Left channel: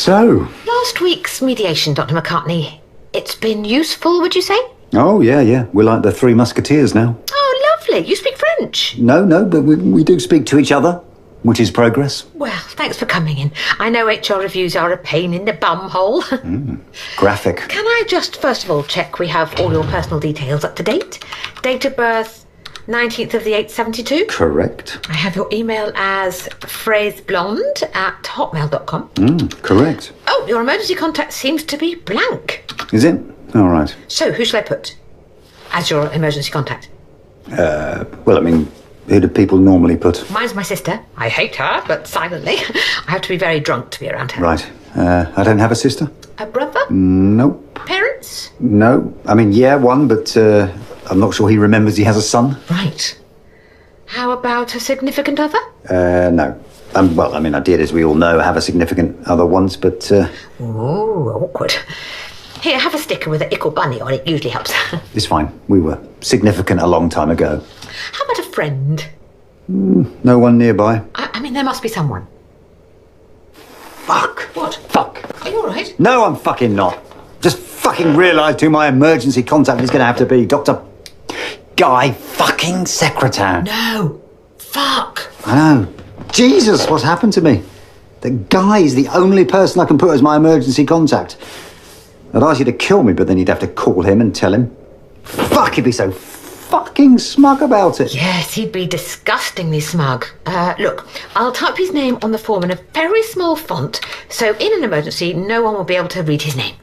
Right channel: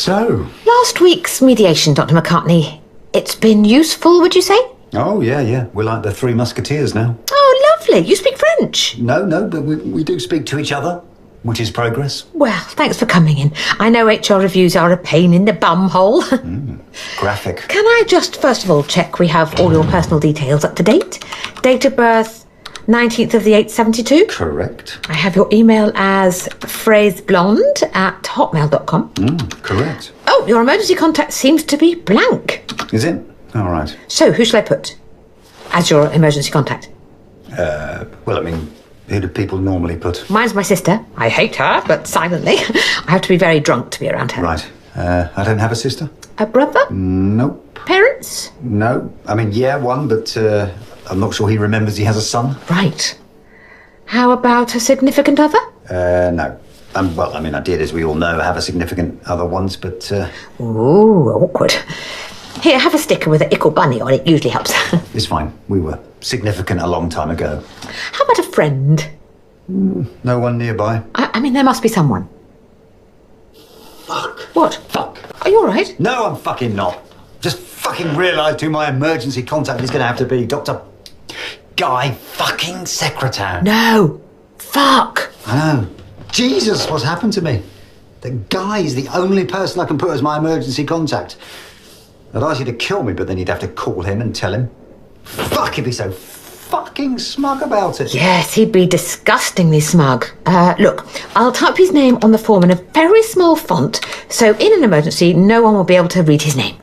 So? Last week's mediation, Dr. McCartney. It's been useful, would you say? Oh, yeah. We're like the Three Musketeers now. Oh, lovely. You speak French. No, but we do speak to each other, which is progress. Well, thanks for coming in. I know HR reviews are a pain in the bum hole. Graphic. Can I just, first of all, check we have all your personal details up to date? Date of birth, 19th of the 8th, 72? Correct. I have your email as phraseblonde@hotmail.com. Correct. Oh, your emergency contact seems to be blank. Is it? All right. So, who shall I put as your emergency contact? Well, I mean, who do people normally put? Mine's my sister. I hate her, but silently. I have to be very drunk to be around her. Right. I don't have a sister? A brother? Nope. Parents? No. I mean, yeah, one, but I'm not sure he remembers he has a son. Right. How about a significant other? No. Well, I mean, I did, as we all know, have a significant other once, but... Ooh, awkward. Here, have a sticker with an ickle bunny on it. Usually helps. It's fine. We were significant a long time ago. How about a friend? No one nearby. I mean, there must be someone. Fuck. What? Fuck. Are you all right? No, I'm fucking not. Just fucking realised who my emergency contact is going to have to be. Dr. Guy fucking Secretan. No. Fuck. I know. Jesus, what's happened to me? The guy is the only person I can put as my emergency contact. I'd ask you to kill me, but then you'd have to call him and tell him. Fuck, he'd be so fucking smug about it. Yes, he'd be disgustingly smug. Look, I'll type his name on the form in a very small font, so in an emergency, no one will be able to read his name.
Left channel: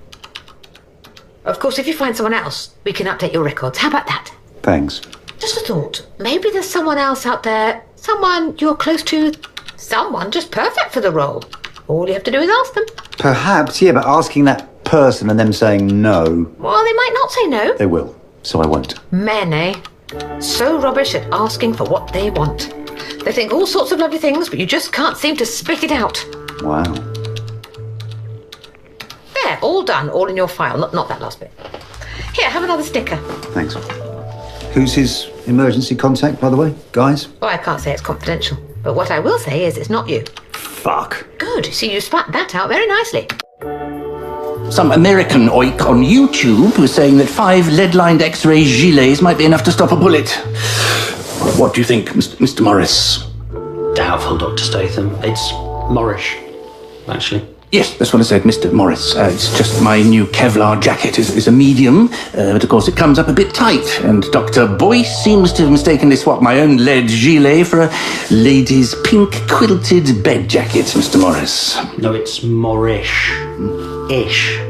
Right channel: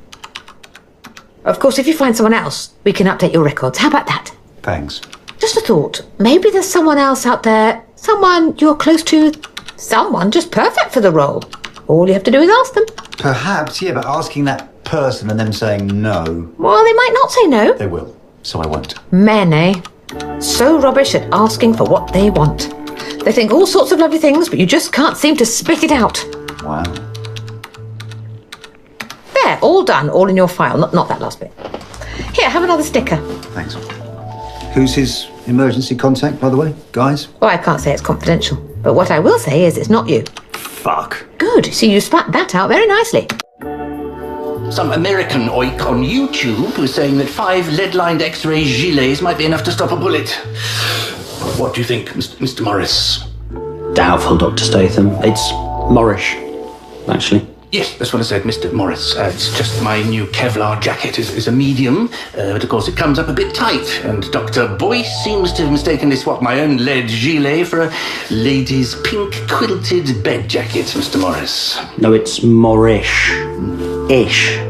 Of course, if you find someone else, we can update your records. How about that? Thanks. Just a thought. Maybe there's someone else out there, someone you're close to, someone just perfect for the role. All you have to do is ask them. Perhaps, yeah, but asking that person and them saying no. Well, they might not say no. They will, so I won't. Men, eh? So rubbish at asking for what they want. They think all sorts of lovely things, but you just can't seem to spit it out. Wow. There, all done, all in your file. Not that last bit. Here, have another sticker. Thanks. Who's his emergency contact, by the way, guys? Well, I can't say it's confidential, but what I will say is it's not you. Fuck. Good. See, you spat that out very nicely. Some American oik on YouTube was saying that 5 lead-lined X-ray gilets might be enough to stop a bullet. What do you think, Mr. Morris? Doubtful, Dr. Statham. It's Morris, actually. Yes, that's what I said, Mr. Morris. It's just my new Kevlar jacket is a medium, but of course it comes up a bit tight, and Dr. Boyce seems to have mistakenly swapped my own lead gilet for a lady's pink quilted bed jacket, Mr. Morris. No, it's Morris. Ish.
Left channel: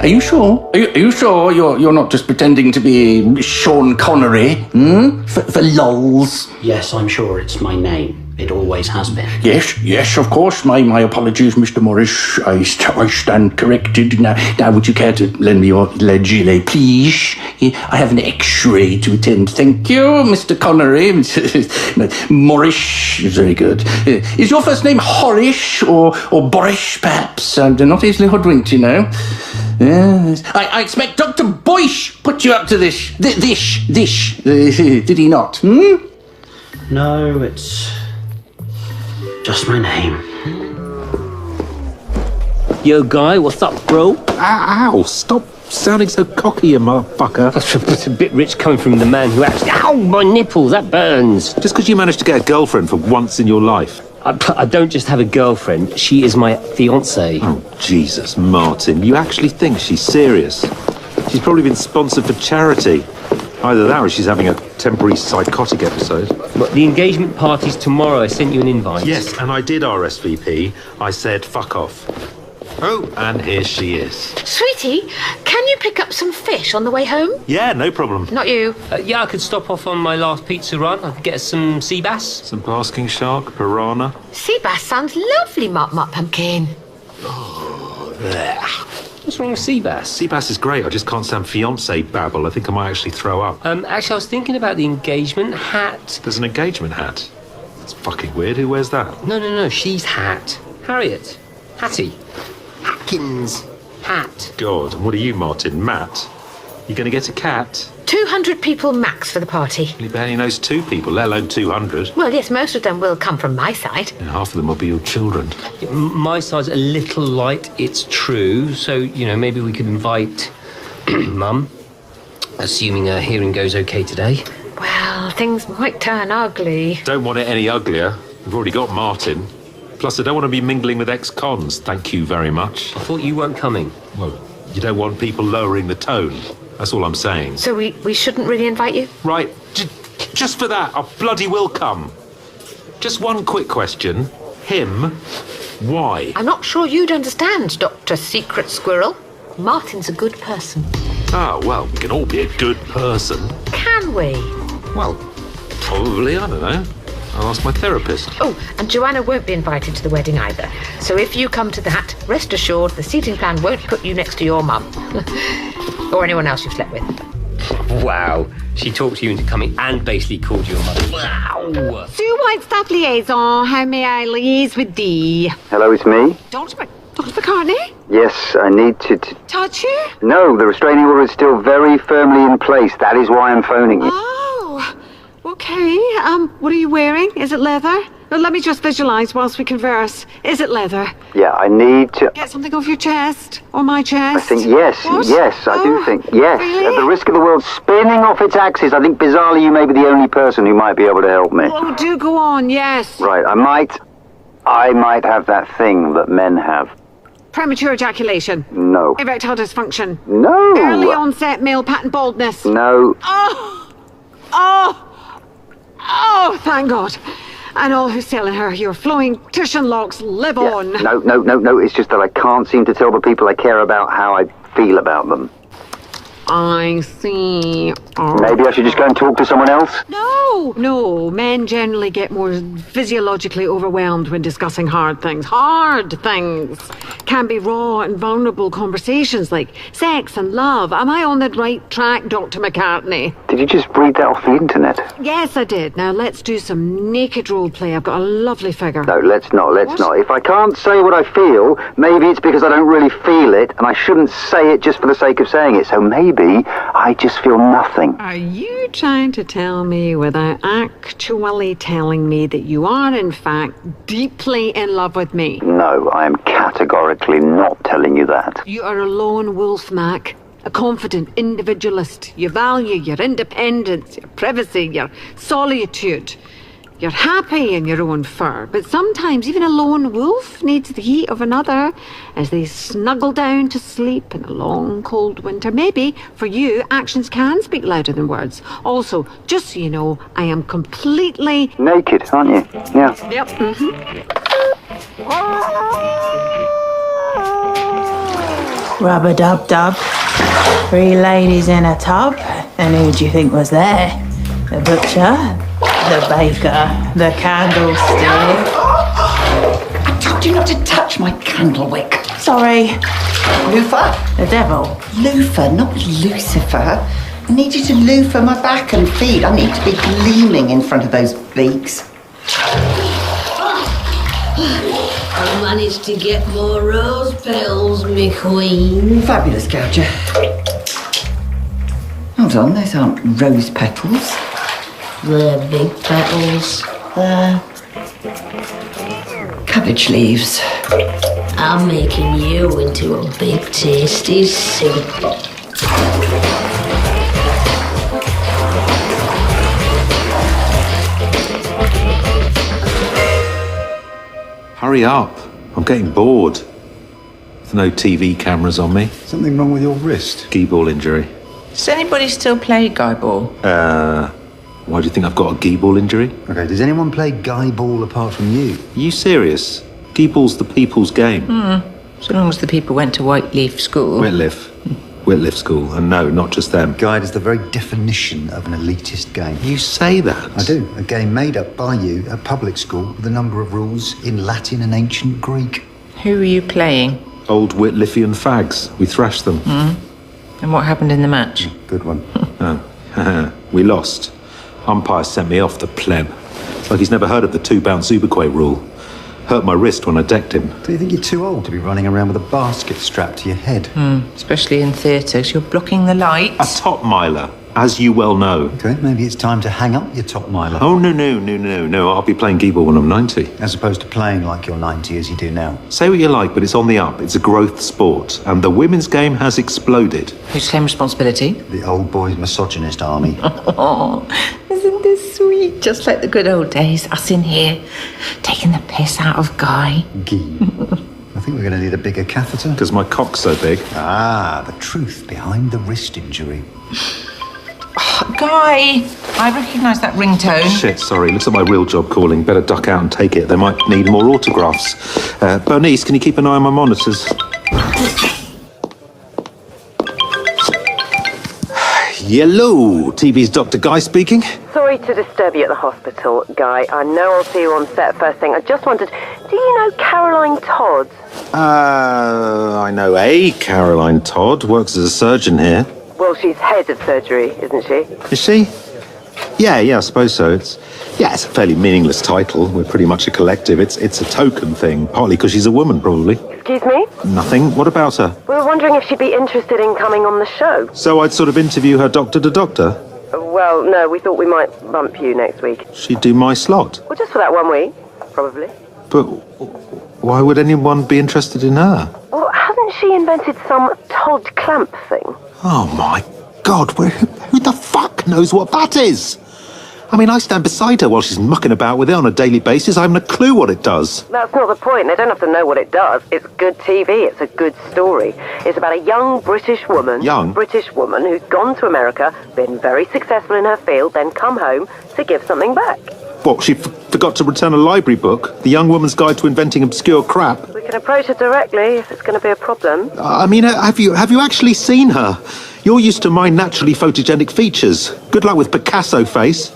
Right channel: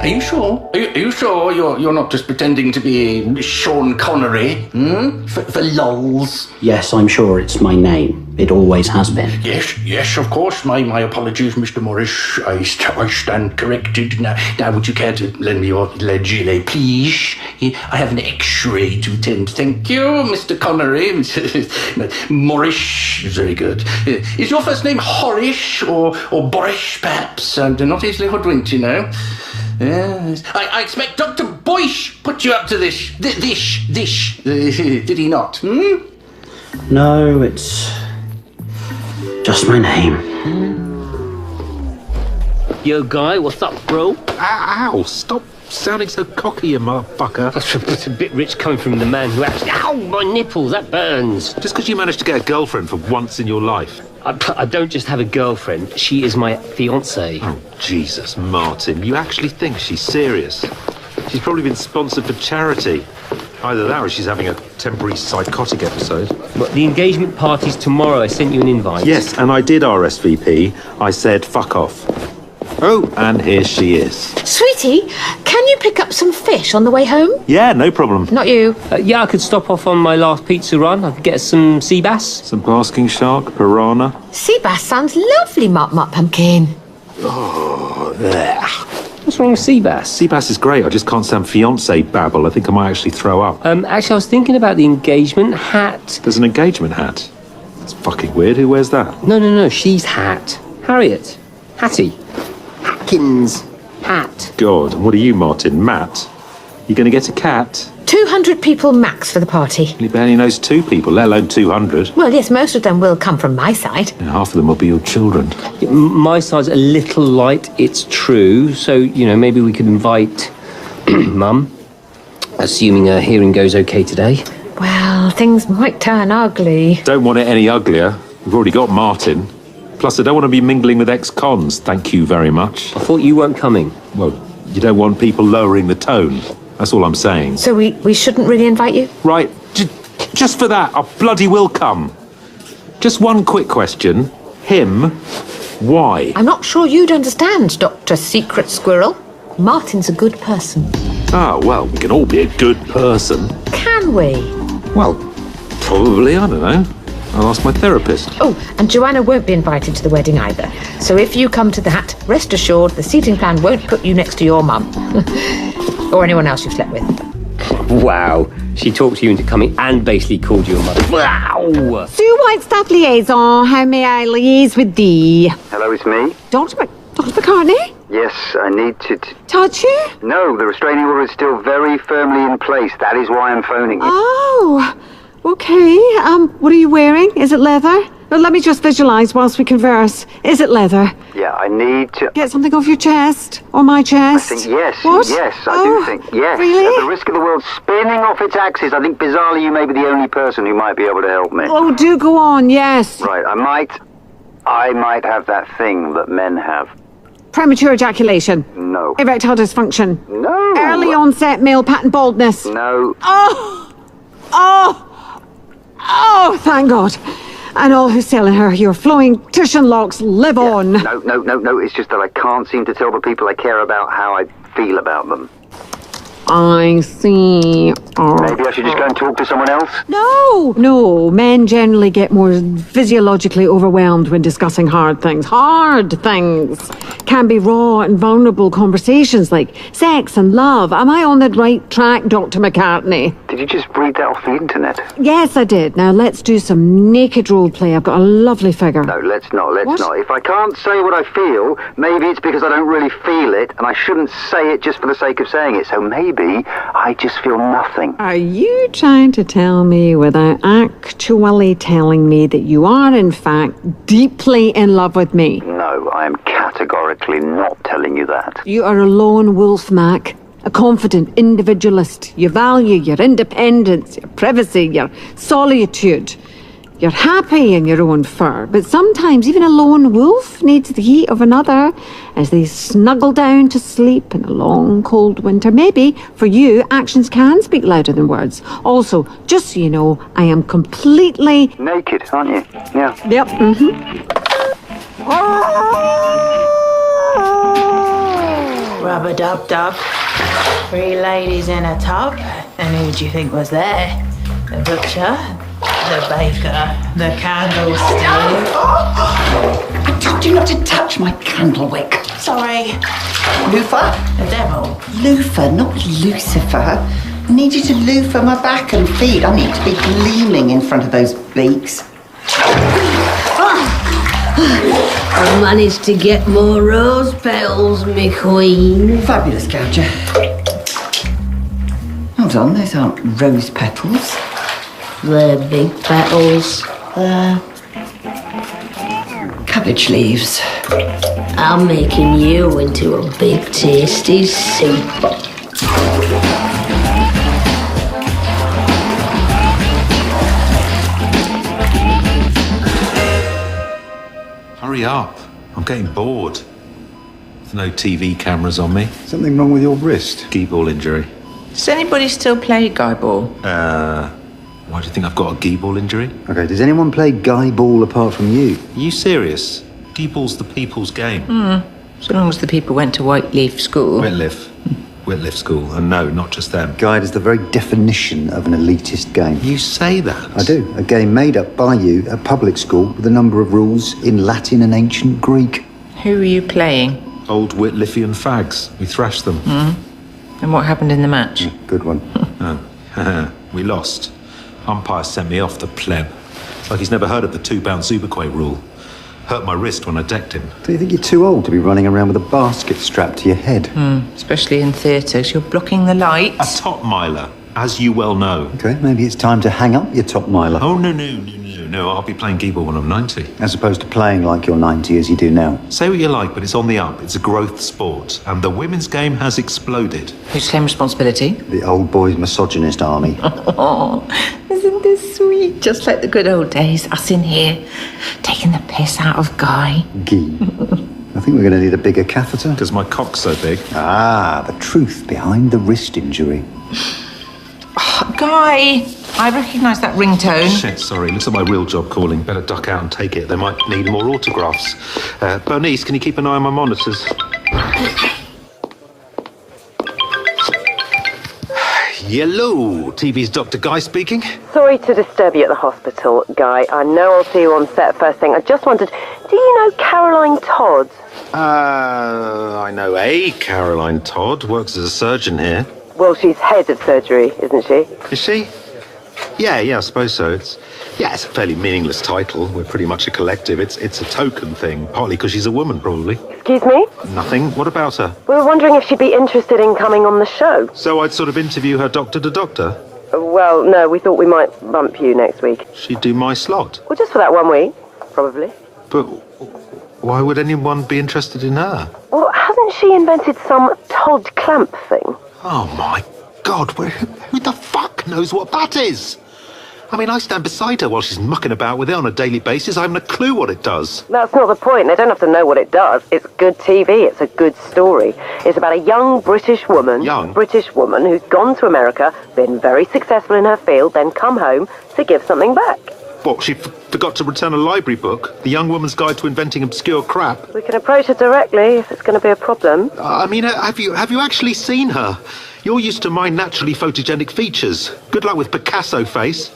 Are you sure? Are you sure you're not just pretending to be Sean Connery, for lols? Yes, I'm sure it's my name. It always has been. Yes, of course. My apologies, Mr. Morris. I stand corrected. Now, would you care to lend me your lead gilet, please? I have an X-ray to attend. Thank you, Mr. Connery. Morris is very good. Is your first name Horace or Boris, perhaps? They're not easily hoodwinked, you know. Yes. I expect Dr. Boyce put you up to this. Did he not? No, it's just my name. Yo, Guy, what's up, bro? Ow, stop sounding so cocky, you motherfucker. It's a bit rich coming from the man who actually... Ow, my nipples, that burns. Just because you managed to get a girlfriend for once in your life. I don't just have a girlfriend, she is my fiancée. Oh, Jesus, Martin, you actually think she's serious? She's probably been sponsored for charity. Either that or she's having a temporary psychotic episode. But the engagement party's tomorrow, I sent you an invite. Yes, and I did RSVP. I said, fuck off. Oh, and here she is. Sweetie, can you pick up some fish on the way home? Yeah, no problem. Not you. Yeah, I could stop off on my last pizza run. I could get some sea bass. Some basking shark, piranha. Sea bass sounds lovely, Mutt Pumpkin. What's wrong with sea bass? Sea bass is great. I just can't stand fiancé babble. I think I might actually throw up. Actually, I was thinking about the engagement hat. There's an engagement hat. That's fucking weird. Who wears that? No, she's hat. Harriet. Hattie. Hatkins. Hat. God, what are you, Martin? Matt? You going to get a cat? 200 people max for the party. He barely knows 2 people, let alone 200. Well, yes, most of them will come from my side. And half of them will be your children. My side's a little light, it's true. So, maybe we could invite Mum, assuming her hearing goes okay today. Well, things might turn ugly. Don't want it any uglier. We've already got Martin. Plus, I don't want to be mingling with ex-cons. Thank you very much. I thought you weren't coming. Well, you don't want people lowering the tone. That's all I'm saying. So we shouldn't really invite you? Right, just for that, I bloody will come. Just one quick question. Him, why? I'm not sure you'd understand, Dr. Secret Squirrel. Martin's a good person. Ah, well, we can all be a good person. Can we? Well, probably, I don't know. I'll ask my therapist. Oh, and Joanna won't be invited to the wedding either. So if you come to that, rest assured the seating plan won't put you next to your mum. Or anyone else you've slept with. Wow. She talked you into coming and basically called you a mother. Wow! Sue Whitestaff liaison, how may I liaise with thee? Hello, it's me. Dr. McCartney? Yes, I need to... Touch you? No, the restraining order is still very firmly in place. That is why I'm phoning you. Oh, okay. What are you wearing? Is it leather? Well, let me just visualise whilst we converse. Is it leather? Yeah, I need to... Get something off your chest? Or my I chest? think yes. What? Yes, I do think yes. Really? At the risk of the world spinning off its axis, I think bizarrely you may be the only person who might be able to help me. Oh, do go on, yes. Right, I might have that thing that men have. Premature ejaculation. No. Erectile dysfunction. No. Early onset male pattern baldness. No. Oh, thank God. And all who sail in her, your flowing Titian locks live on. No. It's just that I can't seem to tell the people I care about how I feel about them. I see. Maybe I should just go and talk to someone else? No. Men generally get more physiologically overwhelmed when discussing hard things. Hard things can be raw and vulnerable conversations like sex and love. Am I on the right track, Dr. McCartney? Did you just read that off the internet? Yes, I did. Now let's do some naked role play. I've got a lovely figure. No, let's not. If I can't say what I feel, maybe it's because I don't really feel it, and I shouldn't say it just for the sake of saying it. So maybe I just feel nothing. Are you trying to tell me without actually telling me that you are in fact deeply in love with me? No, I am categorically not telling you that. You are a lone wolf, Mac. A confident individualist. You value your independence, your privacy, your solitude. You're happy in your own fur, but sometimes even a lone wolf needs the heat of another as they snuggle down to sleep in a long, cold winter. Maybe, for you, actions can speak louder than words. Also, just so you know, I am completely... Naked, aren't you? Yeah. Yep, Rub-a-dub-dub. 3 ladies in a tub. And who do you think was there? The butcher, the baker, the candlestick. I told you not to touch my candle wick. Sorry, Lucifer? the devil. Lucifer, not Lucifer. I need you to loofah my back and feet. I need to be gleaming in front of those beaks. I managed to get more rose petals, me queen. Fabulous, Gouger. Hold on, those aren't rose petals. They're big petals. They're cabbage leaves. I'm making you into a big tasty soup. Hurry up. I'm getting bored. There's no TV cameras on me. Something wrong with your wrist? Guy-ball injury. Does anybody still play Guy Ball? Why do you think I've got a Guy-ball injury? Okay, does anyone play Guy Ball apart from you? Are you serious? Guy-ball's the people's game. So long as the people went to Whiteleaf School. Whitleaf School. And no, not just them. Guide is the very definition of an elitist game. You say that? I do. A game made up by you at public school with a number of rules in Latin and ancient Greek. Who were you playing? Old Whitliffian fags. We thrashed them. And what happened in the match? Good one. We lost. Umpire sent me off the pleb. It's like he's never heard of the 2-bounce Uberquay rule. Hurt my wrist when I decked him. Do you think you're too old to be running around with a basket strapped to your head? Especially in theatres. You're blocking the lights. A top miler. as you well know. Okay, maybe it's time to hang up your top miler. Oh, no. I'll be playing Geeball when I'm 90. As opposed to playing like you're 90 as you do now. Say what you like, but it's on the up. It's a growth sport. And the women's game has exploded. Who's claimed responsibility? The old boys' misogynist army. Oh, isn't this sweet? Just like the good old days. Us in here, taking the piss out of Guy. Gee. I think we're going to need a bigger catheter. Because my cock's so big. Ah, the truth behind the wrist injury. Guy, I recognise that ringtone. Shit, sorry. Looks like my real job calling. Better duck out and take it. They might need more autographs. Bernice, can you keep an eye on my monitors? Hello, TV's Dr. Guy speaking. Sorry to disturb you at the hospital, Guy. I know I'll see you on set first thing. I just wondered, do you know Caroline Todd? I know a Caroline Todd. Works as a surgeon here. Well, she's head of surgery, isn't she? Is she? Yeah, I suppose so. It's a fairly meaningless title. We're pretty much a collective. It's a token thing, partly because she's a woman, probably. Excuse me? Nothing. What about her? We were wondering if she'd be interested in coming on the show. So I'd sort of interview her doctor to doctor? Well, no, we thought we might bump you next week. She'd do my slot. Well, just for that 1 week, probably. But why would anyone be interested in her? Well, hasn't she invented some Todd Clamp thing? Oh, my God. Who the fuck knows what that is? I mean, I stand beside her while she's mucking about with it on a daily basis. I haven't a clue what it does. That's not the point. They don't have to know what it does. It's good TV. It's a good story. It's about a young British woman. British woman who's gone to America, been very successful in her field, then come home to give something back. What, she forgot to return a library book? The Young Woman's Guide to Inventing Obscure Crap? We can approach her directly if it's going to be a problem. I mean, have you actually seen her? You're used to my naturally photogenic features. Good luck with Picasso face.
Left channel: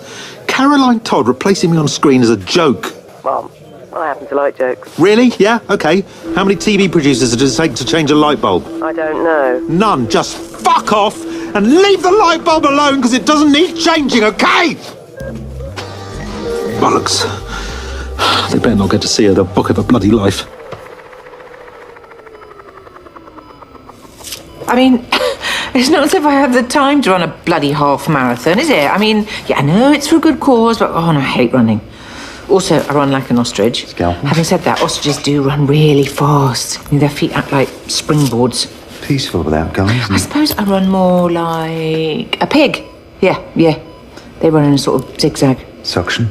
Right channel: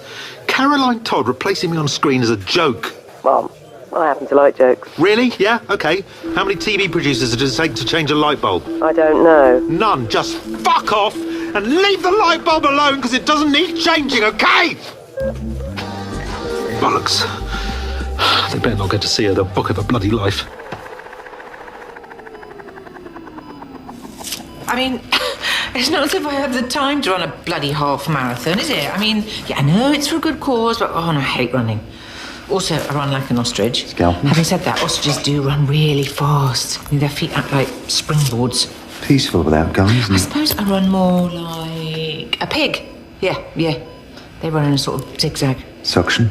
Caroline Todd replacing me on screen is a joke. Well, I happen to like jokes. Really? Yeah? Okay. How many TV producers does it take to change a light bulb? I don't know. None. Just fuck off and leave the light bulb alone because it doesn't need changing, okay? Bollocks. They better not get to see her. They'll book her for bloody life. I mean, it's not as if I have the time to run a bloody half marathon, is it? I mean, yeah, I know it's for a good cause, but I hate running. Also, I run like an ostrich. Scalpel. Having said that, ostriches do run really fast. I mean, their feet act like springboards. Peaceful without guns, isn't I it? suppose I run more like a pig. Yeah. They run in a sort of zigzag. Suction.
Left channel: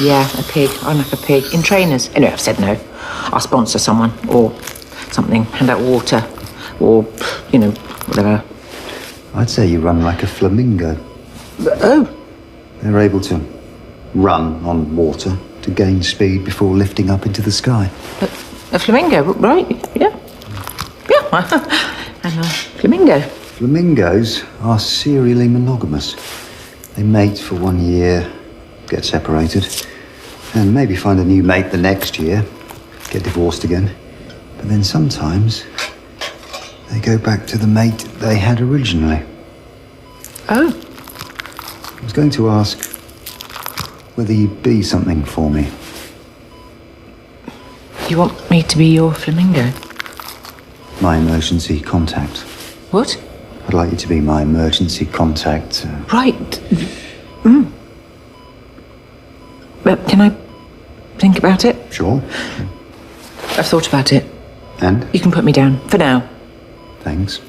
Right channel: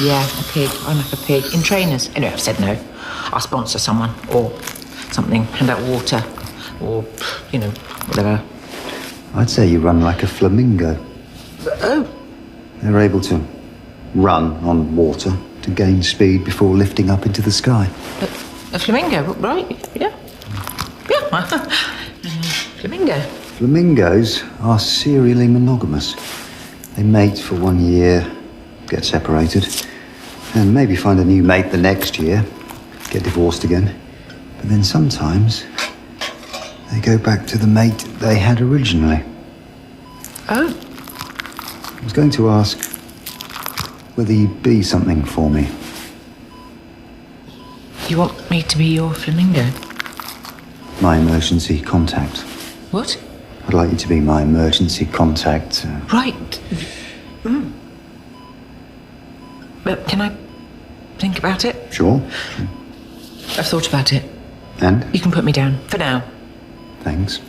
Yeah, a pig. I'm like a pig. In trainers. Anyway, I've said no. I'll sponsor someone or something. Hand out water. Or, whatever. I'd say you run like a flamingo. Oh. They're able to run on water to gain speed before lifting up into the sky. A flamingo, right? Yeah. Yeah, I'm a flamingo. Flamingos are serially monogamous. They mate for 1 year, get separated, and maybe find a new mate the next year, get divorced again. But then sometimes they go back to the mate they had originally. Oh. I was going to ask whether you'd be something for me. You want me to be your flamingo? My emergency contact. What? I'd like you to be my emergency contact. Right. But can I think about it? Sure. I've thought about it. And? You can put me down, for now. Thanks.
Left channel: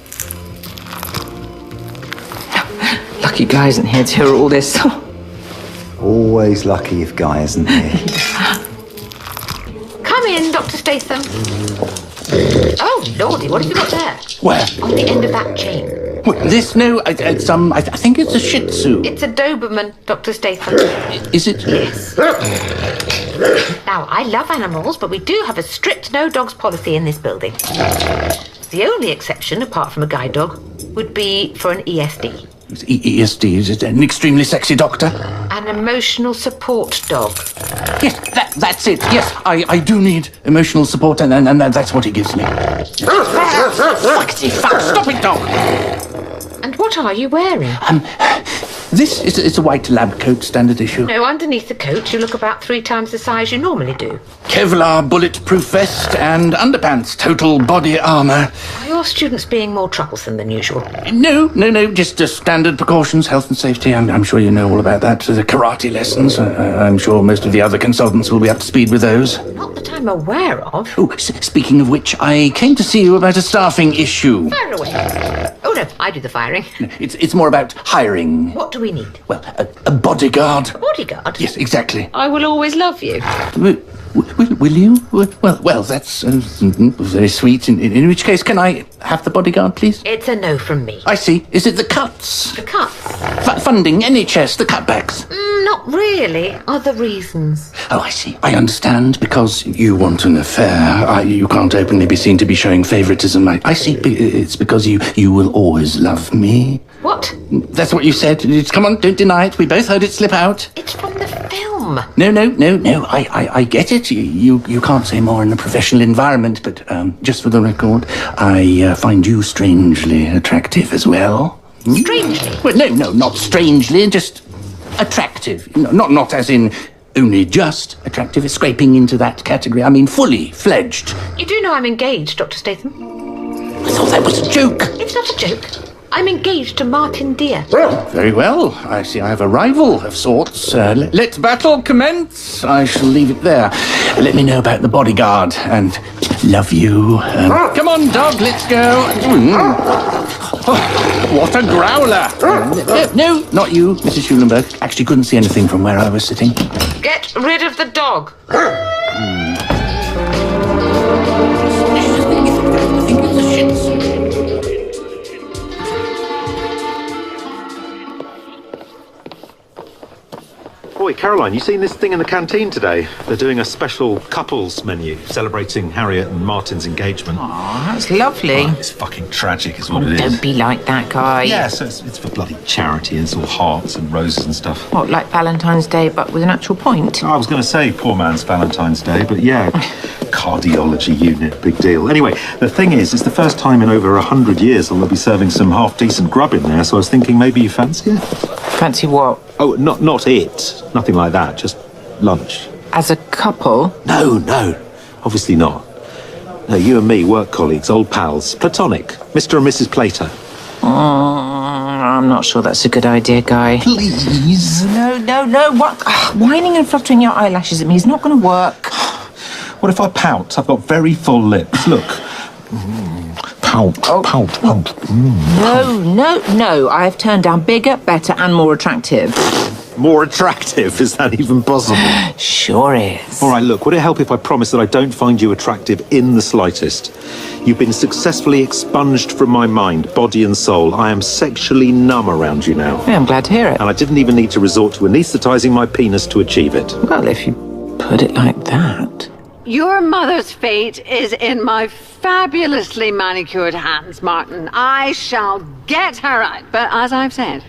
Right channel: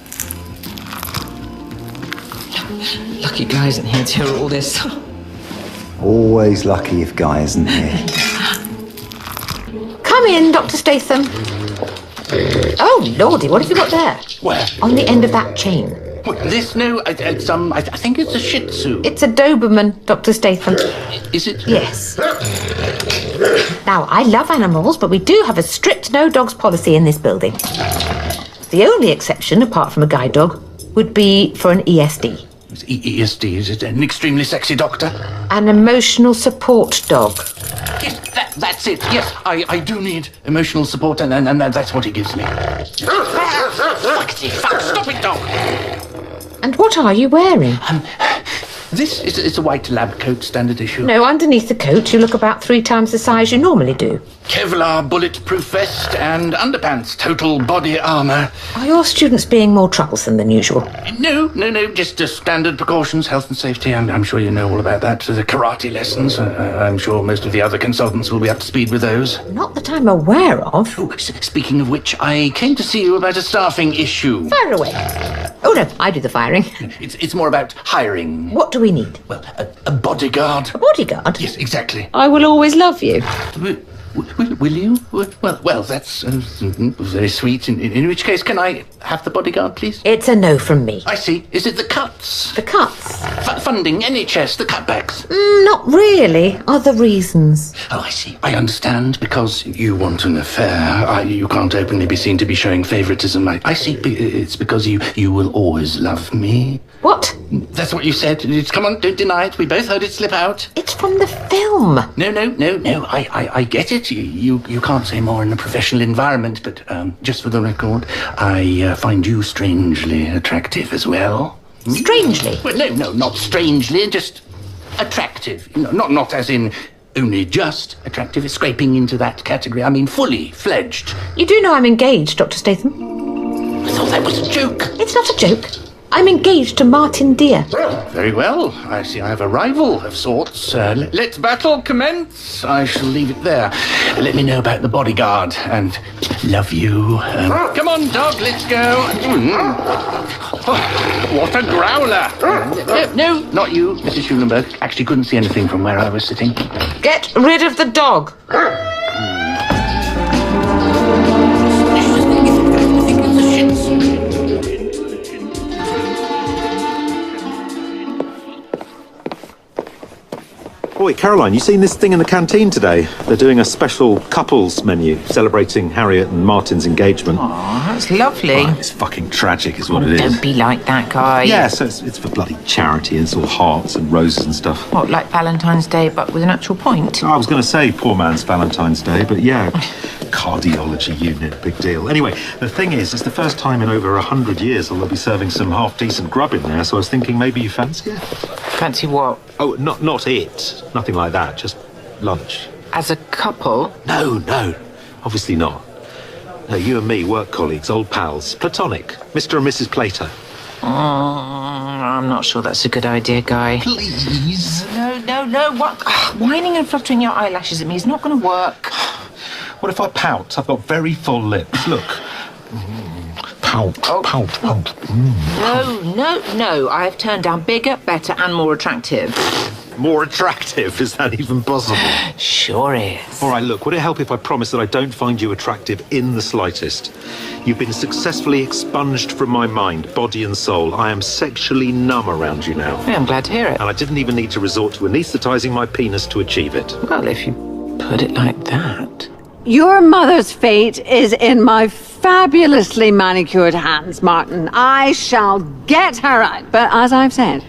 Lucky Guy isn't here to hear all this. Always lucky if Guy isn't here. Come in, Dr. Statham. Oh, Lordy, what have you got there? Where? On the end of that chain. What, this? No, I think it's a Shih Tzu. It's a Doberman, Dr. Statham. Is it? Yes. Now, I love animals, but we do have a strict no dogs policy in this building. The only exception, apart from a guide dog, would be for an ESD. ESD, is it an extremely sexy doctor? An emotional support dog. Yes, that's it. Yes, I do need emotional support, and that's what he gives me. Fuck, stop it, dog! And what are you wearing? This is a white lab coat, standard issue. No, underneath the coat, you look about 3 times the size you normally do. Kevlar bulletproof vest and underpants, total body armour. Are your students being more troublesome than usual? No, just standard precautions, health and safety. I'm sure you know all about that. The karate lessons. I'm sure most of the other consultants will be up to speed with those. Not that I'm aware of. Oh, speaking of which, I came to see you about a staffing issue. Fire away. Oh, no, I do the firing. No, it's more about hiring. What do we need? Well, a bodyguard. A bodyguard? Yes, exactly. I will always love you. Will you? Well, that's very sweet. In which case, can I have the bodyguard, please? It's a no from me. I see. Is it the cuts? The cuts? Funding, NHS, the cutbacks? Not really. Other reasons. Oh, I see. I understand. Because you want an affair. You can't openly be seen to be showing favouritism. I see. It's because you will always love me. What? That's what you said. Come on, don't deny it. We both heard it slip out. It's from the film. No. I get it. You can't say more in a professional environment, but just for the record, I find you strangely attractive as well. Strangely? Well, no, not strangely, just attractive. Not as in only just attractive. It's scraping into that category. I mean, fully fledged. You do know I'm engaged, Dr. Statham. I thought that was a joke. It's not a joke. I'm engaged to Martin Deere. Very well. I see I have a rival of sorts. Let battle commence. I shall leave it there. Let me know about the bodyguard, and love you. Come on, dog, let's go. What a growler. No, not you, Mrs. Schulenberg. Actually couldn't see anything from where I was sitting. Get rid of the dog. I think it's a Shih Tzu. Boy, Caroline, you seen this thing in the canteen today? They're doing a special couples menu celebrating Harriet and Martin's engagement. Aw, that's lovely. Oh, it's fucking tragic is what it is. Don't be like that guy. Yeah, so it's for bloody charity. It's all hearts and roses and stuff. What, like Valentine's Day, but with an actual point? I was going to say poor man's Valentine's Day, but yeah, cardiology unit, big deal. Anyway, the thing is, it's the first time in over 100 years they'll be serving some half-decent grub in there, so I was thinking maybe you fancy it? Fancy what? Oh, not it. Nothing like that, just lunch. As a couple? No, obviously not. No, you and me, work colleagues, old pals, platonic, Mr. and Mrs. Plato. I'm not sure that's a good idea, Guy. Please? No, what? Whining and fluttering your eyelashes at me is not going to work. What if I pout? I've got very full lips. Look. Pout. No. I have turned down bigger, better, and more attractive. More attractive? Is that even possible? Sure is. All right, look, would it help if I promise that I don't find you attractive in the slightest? You've been successfully expunged from my mind, body and soul. I am sexually numb around you now. Yeah, I'm glad to hear it. And I didn't even need to resort to anaesthetising my penis to achieve it. Well, if you put it like that. Your mother's fate is in my fabulously manicured hands, Martin. I shall get her out. But as I've said,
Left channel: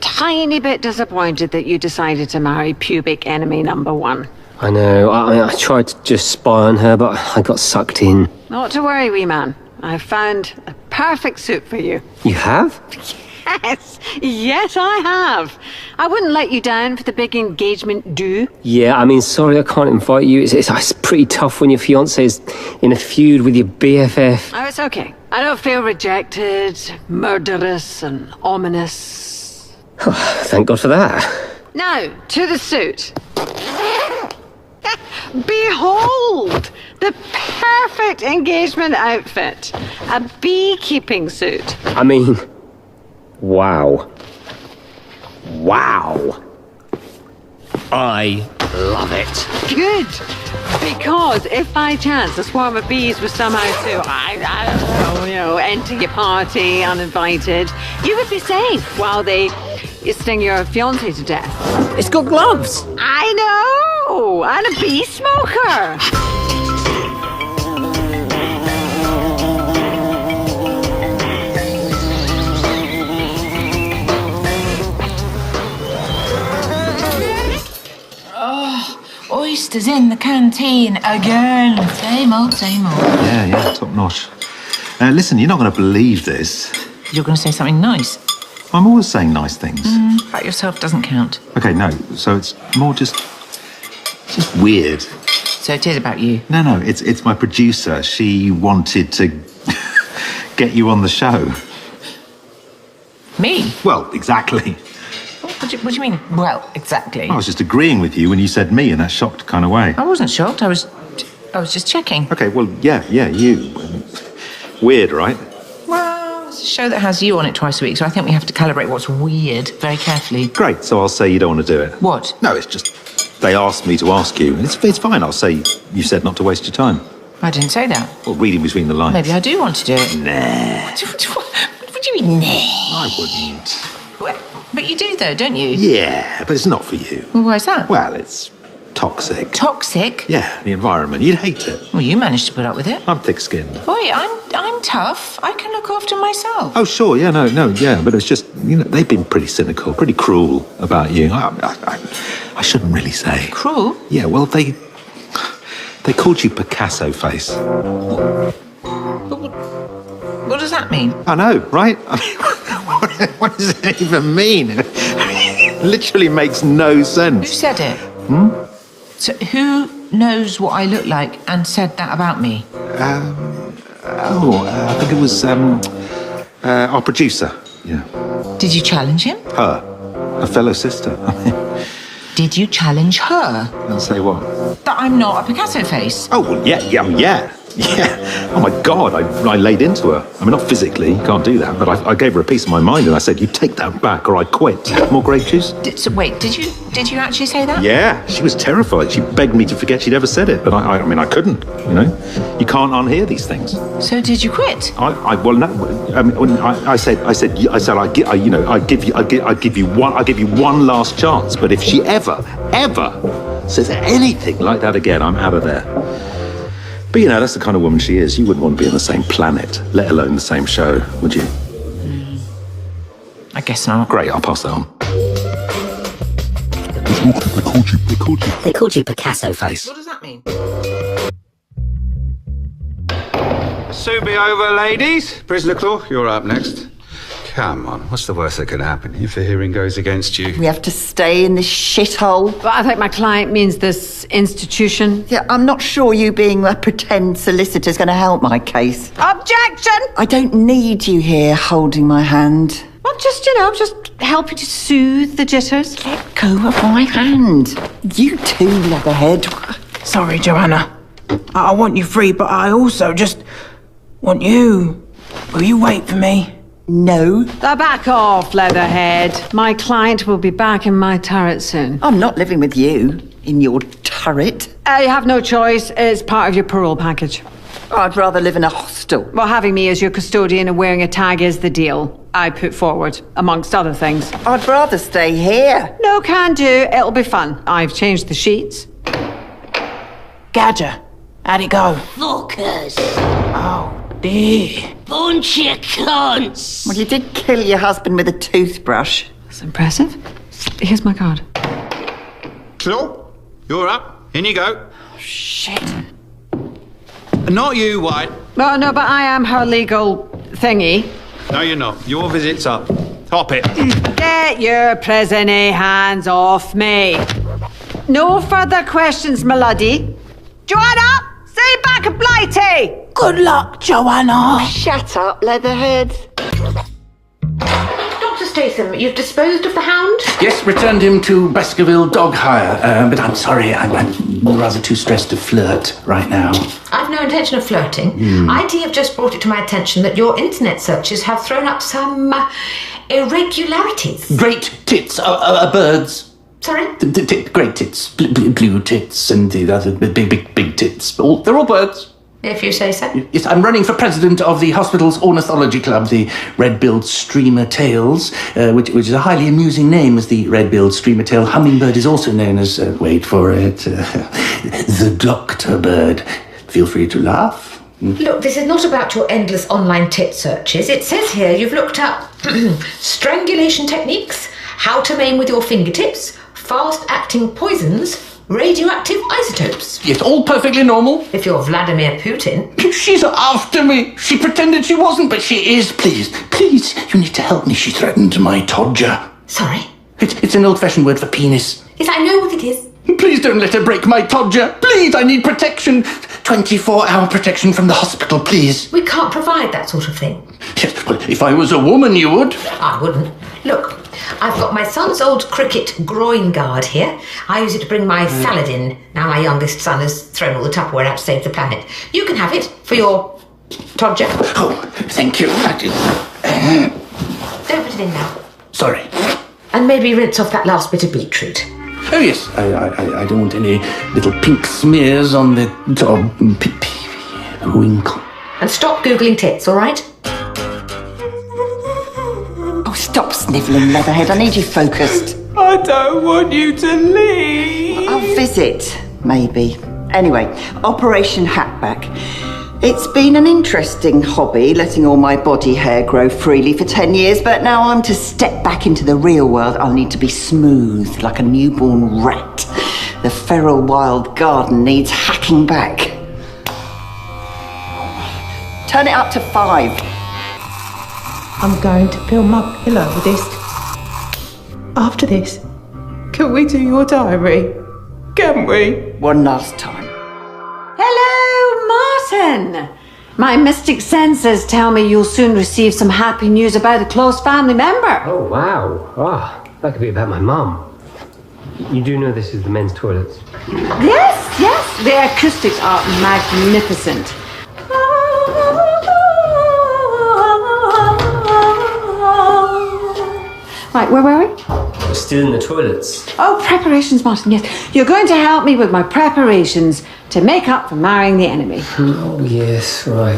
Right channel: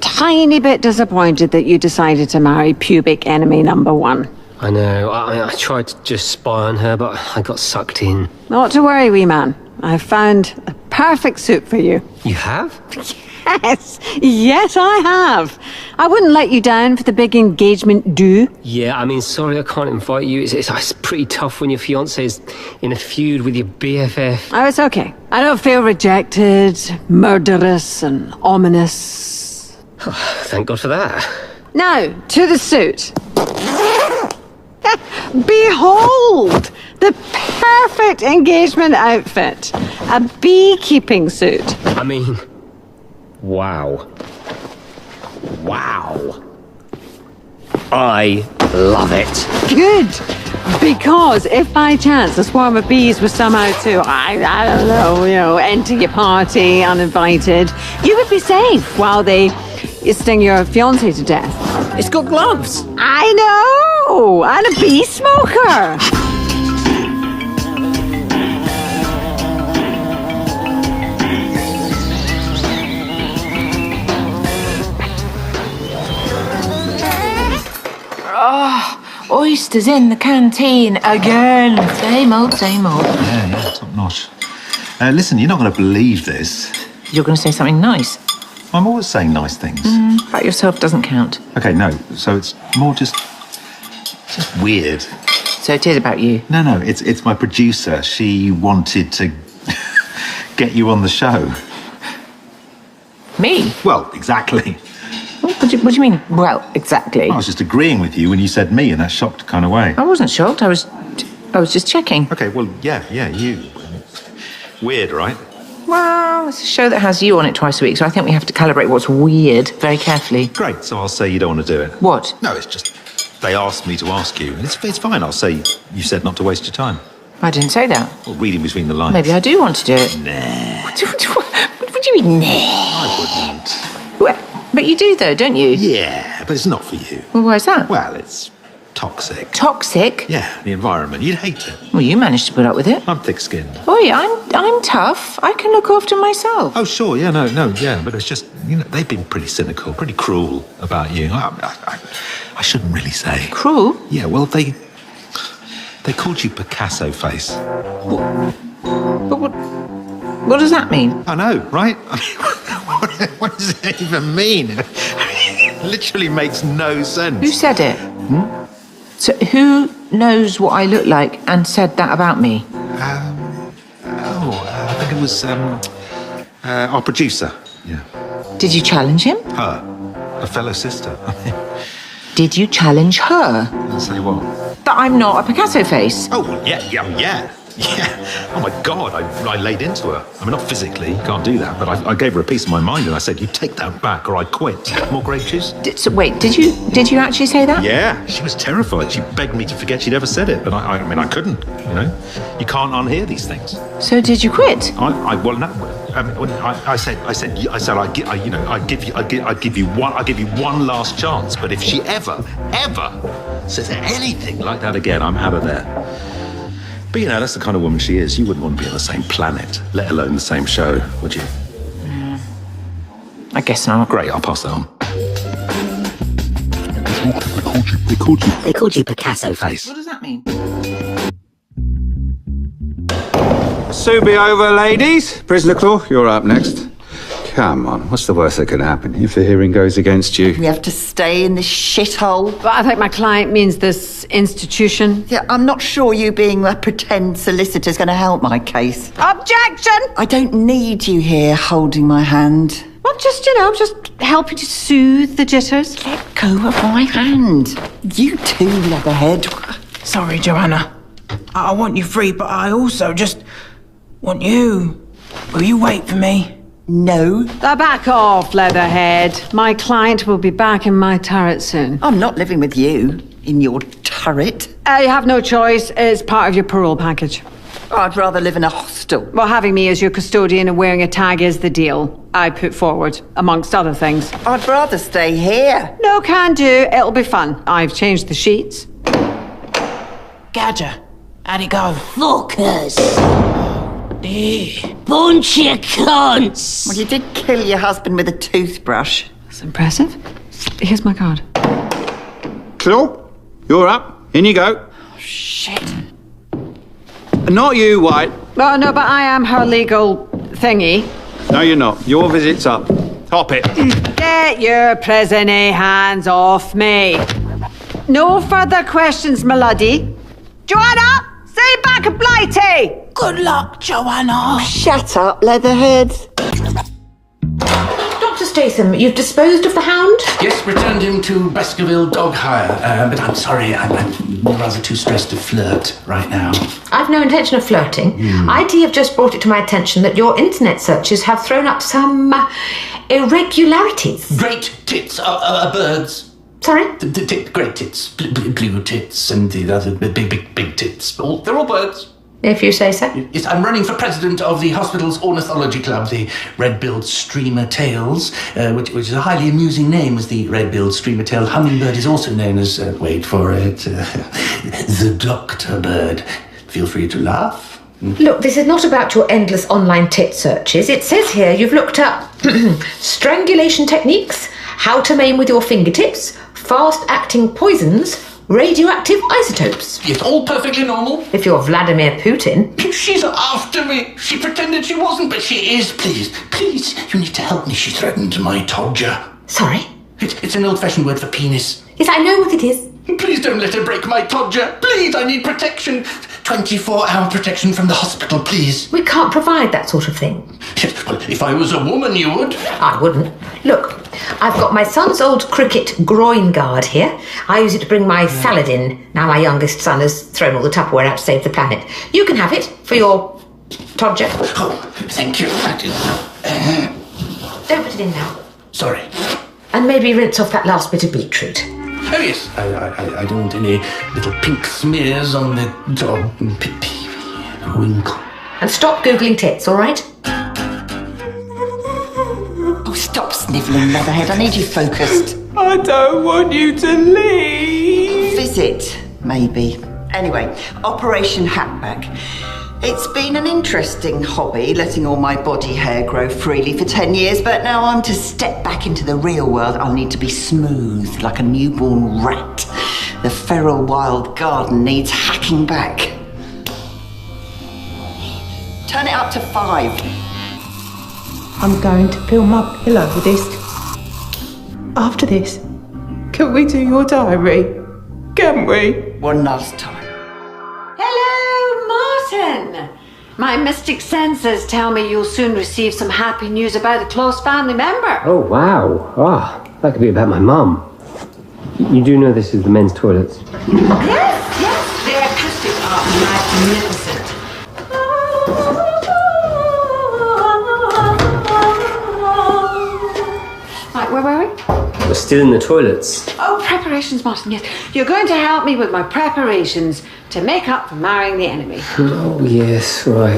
tiny bit disappointed that you decided to marry pubic enemy number 1. I know. I tried to just spy on her, but I got sucked in. Not to worry, wee man. I've found a perfect suit for you. You have? Yes, I have. I wouldn't let you down for the big engagement do. Yeah, I mean, sorry I can't invite you. It's pretty tough when your fiancé's in a feud with your BFF. Oh, it's okay. I don't feel rejected, murderous and ominous. Thank God for that. Now, to the suit. Behold! The perfect engagement outfit. A beekeeping suit. I mean, wow. I love it. Good. Because if by chance a swarm of bees was somehow to, I don't know, enter your party uninvited, you would be safe while they sting your fiancé to death. It's got gloves. I know! And a bee smoker. Oysters in the canteen again. Same old. Yeah, top notch. Listen, you're not going to believe this. You're going to say something nice. I'm always saying nice things. Pat yourself doesn't count. Okay, no. So it's more just weird. So it is about you. No, it's my producer. She wanted to get you on the show. Me? Well, exactly. What do you mean, well, exactly? I was just agreeing with you when you said me in that shocked kind of way. I wasn't shocked. I was just checking. Okay, well, yeah, you. Weird, right? Well, it's a show that has you on it twice a week, so I think we have to calibrate what's weird very carefully. Great, so I'll say you don't want to do it. What? No, it's just they asked me to ask you. It's fine, I'll say you said not to waste your time. I didn't say that. Well, reading between the lines. Maybe I do want to do it. Nah. What do you mean, nah? I wouldn't. Well, but you do, though, don't you? Yeah, but it's not for you. Well, why is that? Well, it's toxic. Toxic? Yeah, the environment. You'd hate it. Well, you managed to put up with it. I'm thick-skinned. Boy, I'm tough. I can look after myself. Oh, sure, yeah, no, yeah, but it's just, they've been pretty cynical, pretty cruel about you. I shouldn't really say. Cruel? Yeah, well, they called you Picasso face. What does that mean? I know, right? I mean, what does it even mean? It literally makes no sense. Who said it? So who knows what I look like and said that about me? I think it was our producer. Yeah. Did you challenge him? Her. A fellow sister. Did you challenge her? I'll say what? That I'm not a Picasso face. Oh, well, yeah. Oh, my God, I laid into her. I mean, not physically, you can't do that, but I gave her a piece of my mind and I said, you take that back or I quit. More grape juice? Wait, did you actually say that? Yeah, she was terrified. She begged me to forget she'd ever said it, but I mean, I couldn't, You can't unhear these things. So did you quit? Well, no, I mean, I said, I'd give you one last chance, but if she ever says anything like that again, I'm out of there. But that's the kind of woman she is. You wouldn't want to be on the same planet, let alone the same show, would you? I guess not. Great, I'll pass that on. They called you Picasso face. What does that mean? Soon be over, ladies. Prisoner Claw, you're up next. Come on, what's the worst that could happen if the hearing goes against you? We have to stay in this shithole. But I think my client means this institution. Yeah, I'm not sure you being a pretend solicitor's going to help my case. Objection! I don't need you here holding my hand. Well, just helping to soothe the jitters. Let go of my hand. You too, Leatherhead. Sorry, Joanna. I want you free, but I also just want you. Will you wait for me? No. Back off, Leatherhead. My client will be back in my turret soon. I'm not living with you in your turret. You have no choice. It's part of your parole package. I'd rather live in a hostel. Well, having me as your custodian and wearing a tag is the deal I put forward, amongst other things. I'd rather stay here. No can do. It'll be fun. I've changed the sheets. Gadger, how'd it go? Fuckers. Oh, dear. Bunch of cunts. Well, you did kill your husband with a toothbrush. That's impressive. Here's my card. Claw, you're up. In you go. Oh, shit. Not you, White. Oh, no, but I am her legal thingy. No, you're not. Your visit's up. Hop it. Get your prison-y hands off me. No further questions, my laddie. Joanna, see you back at Blighty. Good luck, Joanna. Oh, shut up, Leatherhead. Dr. Statham, you've disposed of the hound? Yes, returned him to Baskerville dog hire, but I'm sorry, I'm rather too stressed to flirt right now. I've no intention of flirting. IT have just brought it to my attention that your internet searches have thrown up some irregularities. Great tits birds. Sorry? Great tits, blue tits, and the other big tits. They're all birds. If you say so. Yes, I'm running for president of the hospital's ornithology club, the Red-billed Streamer Tails, which is a highly amusing name, as the red-billed streamer-tailed hummingbird is also known as, wait for it, the doctor bird. Feel free to laugh. Look, this is not about your endless online tit searches. It says here you've looked up strangulation techniques, how to maim with your fingertips, fast-acting poisons, Radioactive isotopes. Yes, all perfectly normal. If you're Vladimir Putin. She's after me. She pretended she wasn't, but she is. Please, you need to help me. She threatened my todger. Sorry? It's an old-fashioned word for penis. Yes, I know what it is. Please don't let her break my todger. Please, I need protection. 24-hour protection from the hospital, please. We can't provide that sort of thing. Yes, well, if I was a woman, you would. I wouldn't. Look, I've got my son's old cricket groin guard here. I use it to bring my salad in. Now my youngest son has thrown all the Tupperware out to save the planet. You can have it for your todger. Oh, thank you. Don't put it in now. Sorry. And maybe rinse off that last bit of beetroot. Oh, yes. I don't want any little pink smears on the top winkle. And stop Googling tits, all right? Oh, stop snivelling, Leatherhead. I need you focused. I don't want you to leave. I'll visit, maybe. Anyway, Operation Hackback. It's been an interesting hobby, letting all my body hair grow freely for 10 years, but now I'm to step back into the real world. I'll need to be smooth, like a newborn rat. The feral wild garden needs hacking back. Turn it up to 5. I'm going to fill my pillow with this. After this, can we do your diary? Can we? One last time. Martin! My mystic senses tell me you'll soon receive some happy news about a close family member. Oh, wow. That could be about my mum. You do know this is the men's toilets? Yes. The acoustics are magnificent. Right, where were we? We're still in the toilets. Oh, preparations, Martin, yes. You're going to help me with my preparations to make up for marrying the enemy. Oh, yes, right.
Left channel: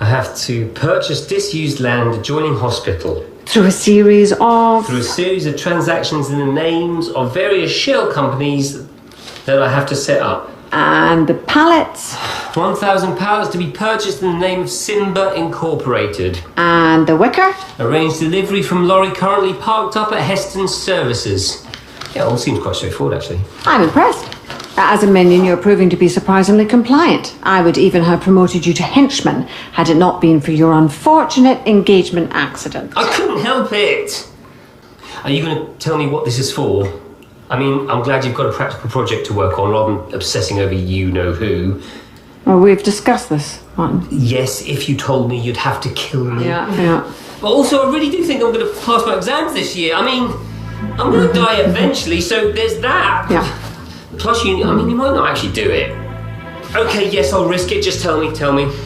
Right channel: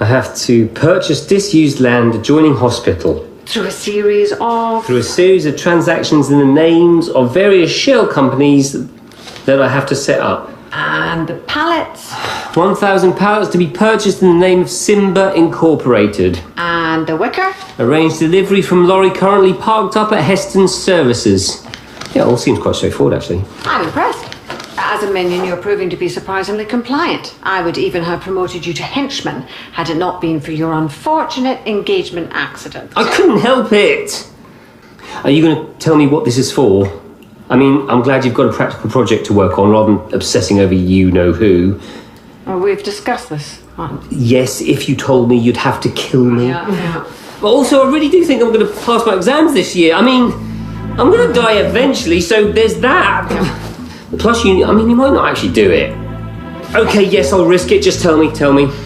I have to purchase disused land adjoining hospital. Through a series of transactions in the names of various shell companies that I have to set up. And the pallets? 1,000 pallets to be purchased in the name of Simba Incorporated. And the wicker? Arranged delivery from lorry currently parked up at Heston's Services. Yeah, all seems quite straightforward, actually. I'm impressed. As a minion, you're proving to be surprisingly compliant. I would even have promoted you to henchman had it not been for your unfortunate engagement accident. I couldn't help it. Are you going to tell me what this is for? I mean, I'm glad you've got a practical project to work on rather than obsessing over you-know-who. Well, we've discussed this, Martin. Yes, if you told me you'd have to kill me. Yeah. But also, I really do think I'm going to pass my exams this year. I mean, I'm going to die eventually, so there's that. Yeah. Plus, you might not actually do it. Okay, yes, I'll risk it. Just tell me.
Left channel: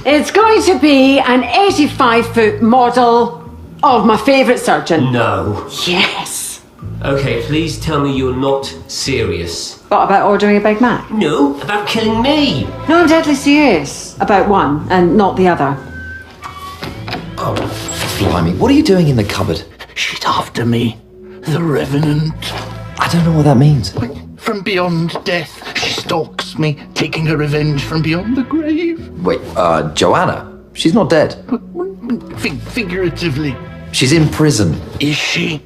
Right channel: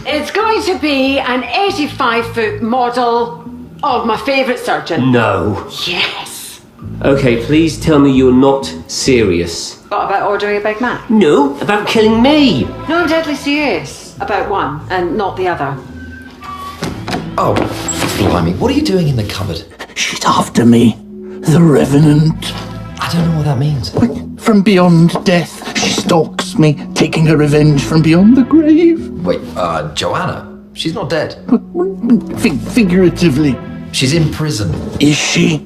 It's going to be an 85-foot model of my favourite surgeon. No. Yes. Okay, please tell me you're not serious. What, about ordering a Big Mac? No, about killing me. No, I'm deadly serious about one and not the other. Oh, blimey. What are you doing in the cupboard? She's after me. The Revenant. I don't know what that means. From beyond death, she stalks me, taking her revenge from beyond the grave. Wait, Joanna? She's not dead. Figuratively. She's in prison. Is she?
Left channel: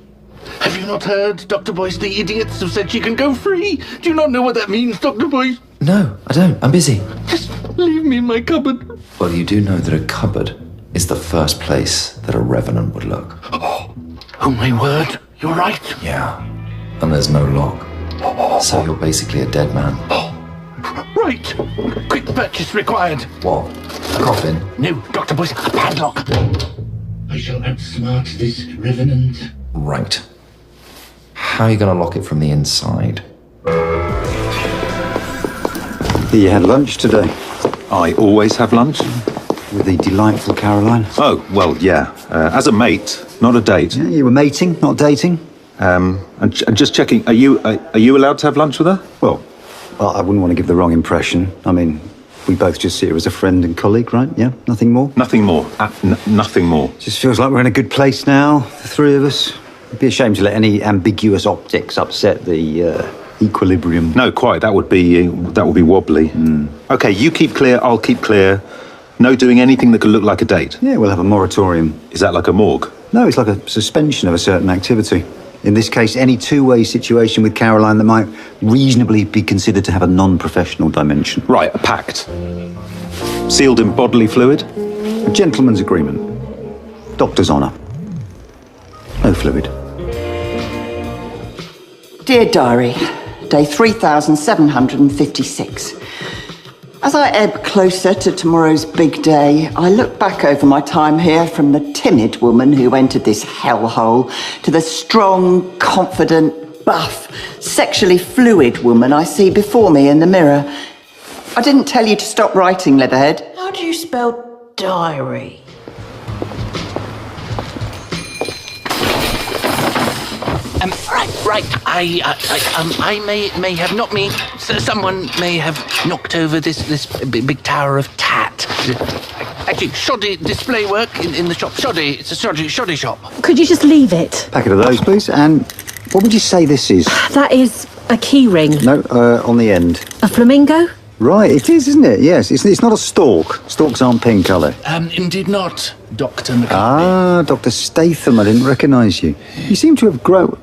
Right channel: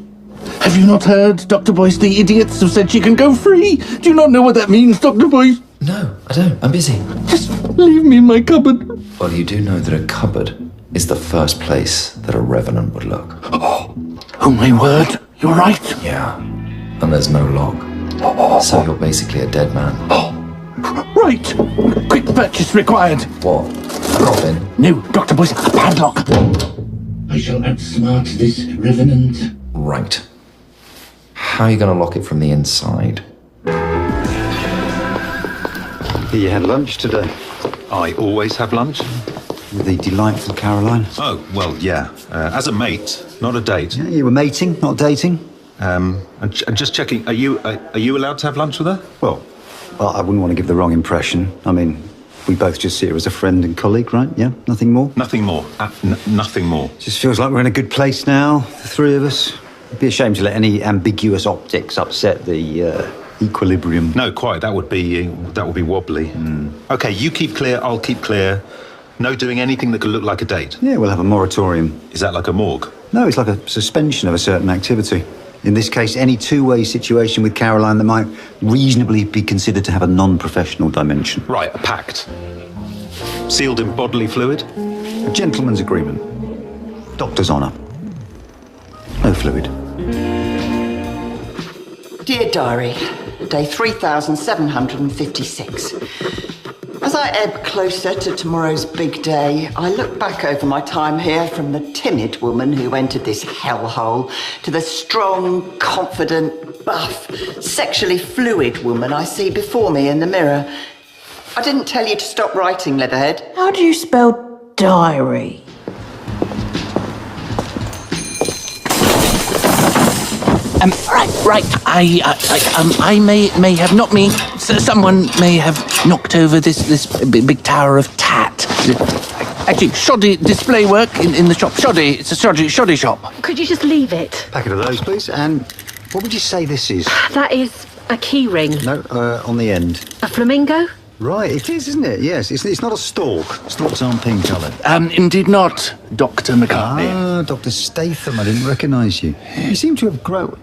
Have you not heard? Dr. Boyce, the idiots have said she can go free. Do you not know what that means, Dr. Boyce? No, I don't. I'm busy. Just leave me in my cupboard. Well, you do know that a cupboard is the first place that a revenant would look. Oh, my word. You're right. Yeah. And there's no lock. So you're basically a dead man. Right. Quick purchase required. What? A coffin? No, Dr. Boyce, a padlock. I shall outsmart this Revenant. Right. How are you going to lock it from the inside? You had lunch today. I always have lunch. With the delightful Caroline. Oh, well, yeah. As a mate, not a date. Yeah, you were mating, not dating. And just checking, are you allowed to have lunch with her? Well, I wouldn't want to give the wrong impression. I mean, we both just see her as a friend and colleague, right? Yeah? Nothing more? Nothing more. Nothing more. Just feels like we're in a good place now, the three of us. It'd be a shame to let any ambiguous optics upset the equilibrium. No, quite. That would be wobbly. Okay, you keep clear, I'll keep clear. No doing anything that could look like a date. Yeah, we'll have a moratorium. Is that like a morgue? No, it's like a suspension of a certain activity. In this case, any two-way situation with Caroline that might reasonably be considered to have a non-professional dimension. Right, a pact. Sealed in bodily fluid? A gentleman's agreement. Doctor's honour. No fluid. Dear Diary, day 3756. As I ebb closer to tomorrow's big day, I look back over my time here from the timid woman who entered this hellhole to the strong, confident, buff, sexually fluid woman I see before me in the mirror. I didn't tell you to stop writing, Leatherhead. How do you spell diary? Right. I may have, not me. Someone may have knocked over this big tower of tat. Actually, shoddy display work in the shop. Shoddy. It's a shoddy shop. Could you just leave it? Packet of those, please. And what would you say this is? That is a key ring. No, on the end. A flamingo? Right, it is, isn't it? Yes, it's not a stork. Storks aren't pink, are they? Indeed not, Dr. McCartney. Ah, Dr. Statham, I didn't recognise you. You seem to have grown...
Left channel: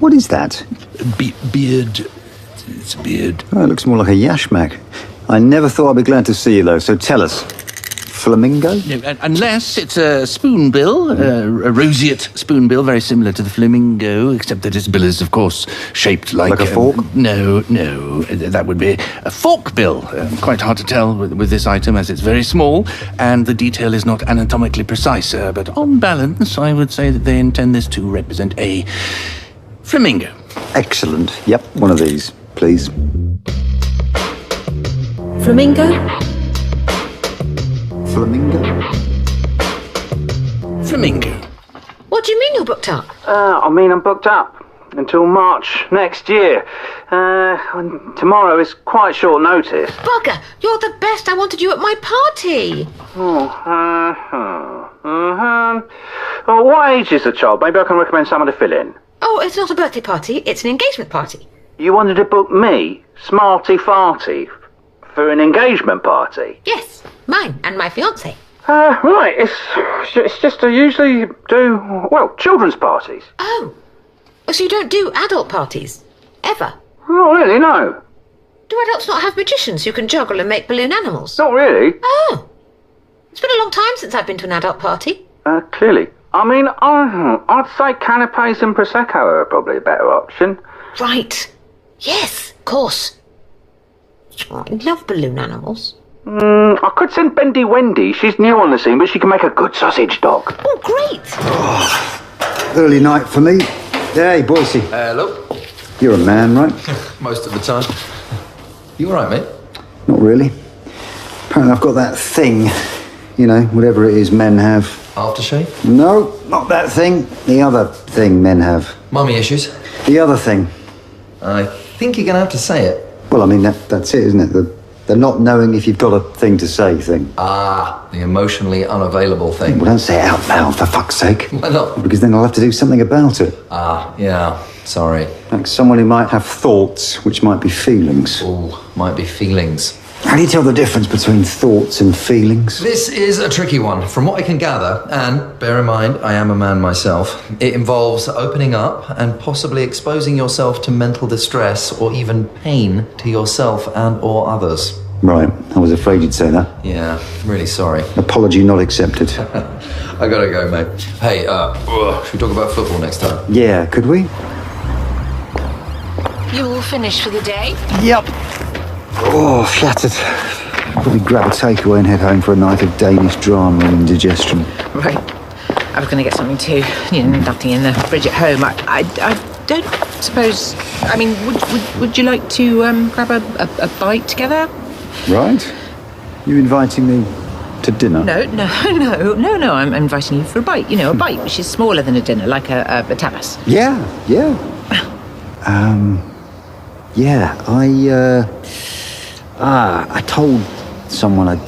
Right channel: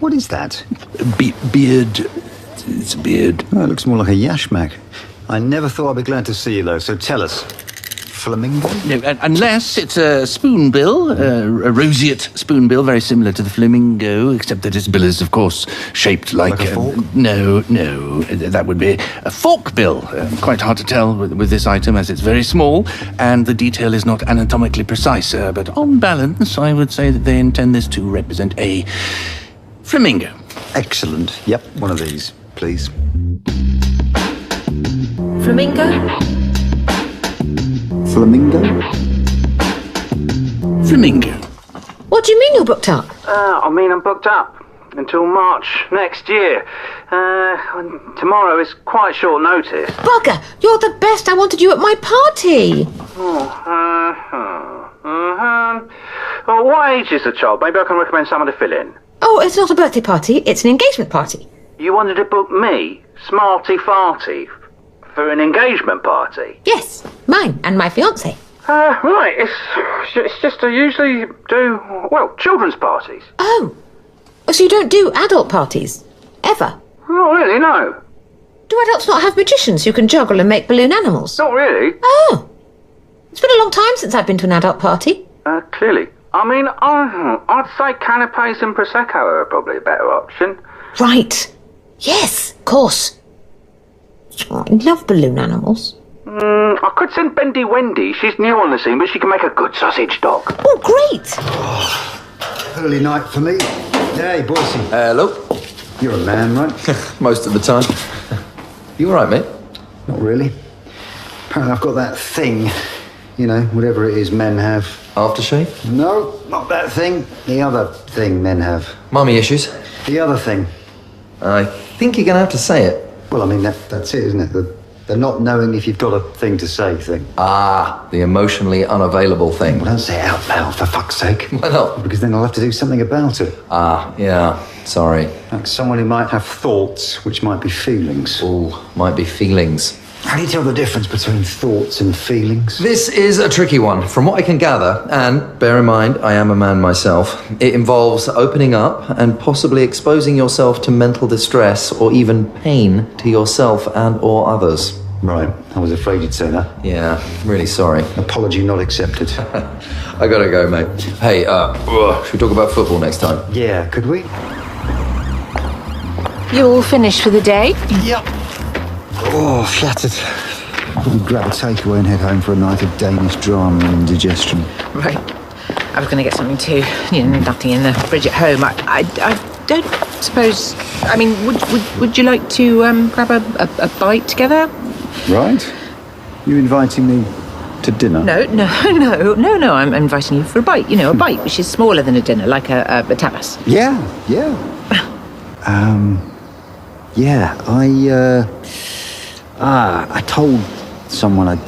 What is that? Beard. It's a beard. Oh, it looks more like a yashmak. I never thought I'd be glad to see you, though, so tell us. Flamingo? No, unless it's a spoonbill, a roseate spoonbill, very similar to the flamingo, except that its bill is, of course, shaped like a fork? No, that would be a fork bill. Quite hard to tell with this item, as it's very small, and the detail is not anatomically precise. But on balance, I would say that they intend this to represent a flamingo. Excellent. Yep, one of these, please. Flamingo? Flamingo? Flamingo. What do you mean you're booked up? I'm booked up until March next year. Tomorrow is quite short notice. Bugger, you're the best. I wanted you at my party. What age is the child? Maybe I can recommend someone to fill in. Oh, it's not a birthday party. It's an engagement party. You wanted to book me, Smarty Farty, for an engagement party? Yes, mine and my fiancé. Right. It's just I usually do, children's parties. Oh, so you don't do adult parties? Ever? Not really, no. Do adults not have magicians who can juggle and make balloon animals? Not really. Oh. It's been a long time since I've been to an adult party. Clearly. I mean, I'd say canapes and Prosecco are probably a better option. Right. Yes, of course. Oh, I love balloon animals. I could send Bendy Wendy. She's new on the scene, but she can make a good sausage dog. Oh, great. Early night for me. Hey, Boise. Hello. You're a man, right? Most of the time. You all right, mate? Not really. Apparently I've got that thing. You know, whatever it is men have. Aftershave? No, not that thing. The other thing men have. Mummy issues? The other thing. I think you're going to have to say it. Well, I mean, that's it, isn't it? The not knowing if you've got a thing to say thing. Ah, the emotionally unavailable thing. Well, don't say it out loud, for fuck's sake. Why not? Because then I'll have to do something about it. Ah, yeah. Sorry. Like someone who might have thoughts, which might be feelings. Oh, might be feelings. How do you tell the difference between thoughts and feelings? This is a tricky one. From what I can gather, and bear in mind, I am a man myself, it involves opening up and possibly exposing yourself to mental distress or even pain to yourself and or others. Right. I was afraid you'd say that. Yeah, really sorry. Apology not accepted. I gotta go, mate. Hey, should we talk about football next time? Yeah, could we? You all finished for the day? Yep. Oh, flattered. Probably grab a takeaway and head home for a night of Danish drama and indigestion. Right. I was going to get something too. Nothing in the fridge at home. I don't suppose... I mean, would you like to grab a bite together? Right. You inviting me to dinner? No. I'm inviting you for a bite. A bite which is smaller than a dinner, like a tapas. Yeah. I told someone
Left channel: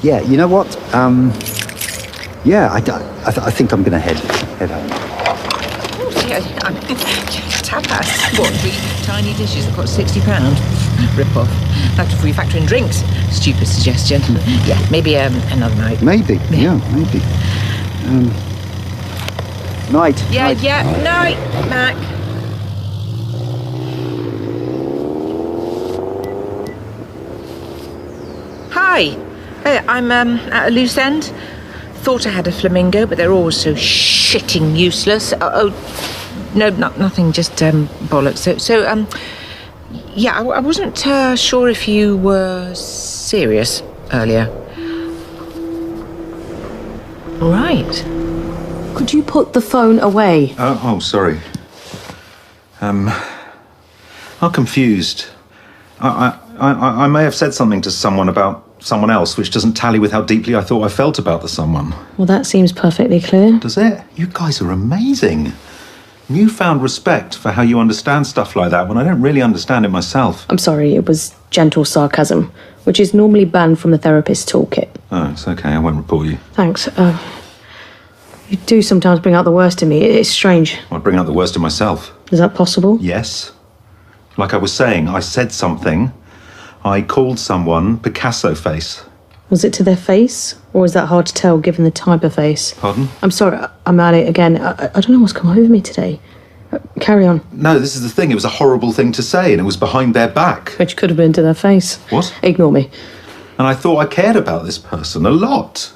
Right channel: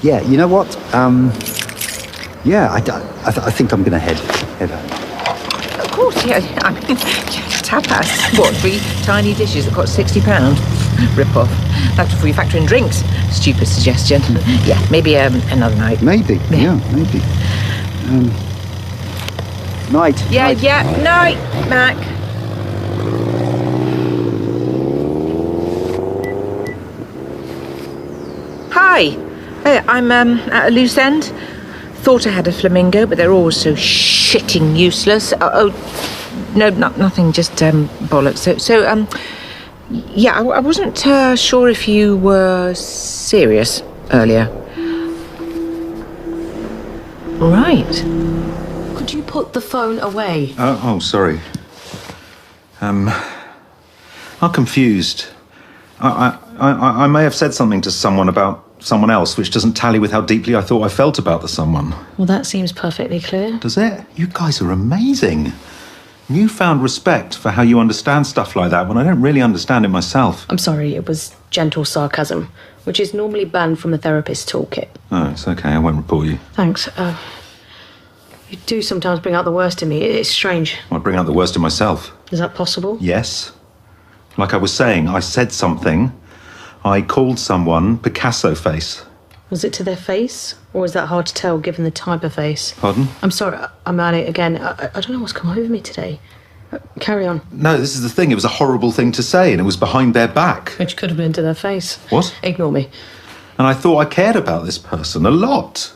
you know what? I think I'm going to head home. Of course, yeah. I mean, tapas. What, 3 tiny dishes that cost £60? Rip off. That's before you factor in drinks. Stupid suggestion. Yeah, maybe another night. Maybe. Yeah, maybe. Night. Yeah, night, Mac. Hi. I'm at a loose end. Thought I had a flamingo, but they're all so shitting useless. No, nothing, just bollocks. So, yeah, I wasn't sure if you were serious earlier. Right. Could you put the phone away? Oh, sorry. I'm confused. I may have said something to someone about someone else which doesn't tally with how deeply I thought I felt about the someone. Well, that seems perfectly clear. Does it? You guys are amazing. Newfound respect for how you understand stuff like that when I don't really understand it myself. I'm sorry, it was gentle sarcasm, which is normally banned from the therapist's toolkit. Oh, it's okay. I won't report you. Thanks. You do sometimes bring out the worst in me. It's strange. I'd bring out the worst in myself. Is that possible? Yes. Like I was saying, I said something. I called someone Picasso face. Was it to their face? Or is that hard to tell, given the type of face? Pardon? I'm sorry, I'm at it again. I don't know what's come over me today. Carry on. No, this is the thing. It was a horrible thing to say, and it was behind their back. Which could have been to their face. What? Ignore me. And I thought I cared about this person a lot.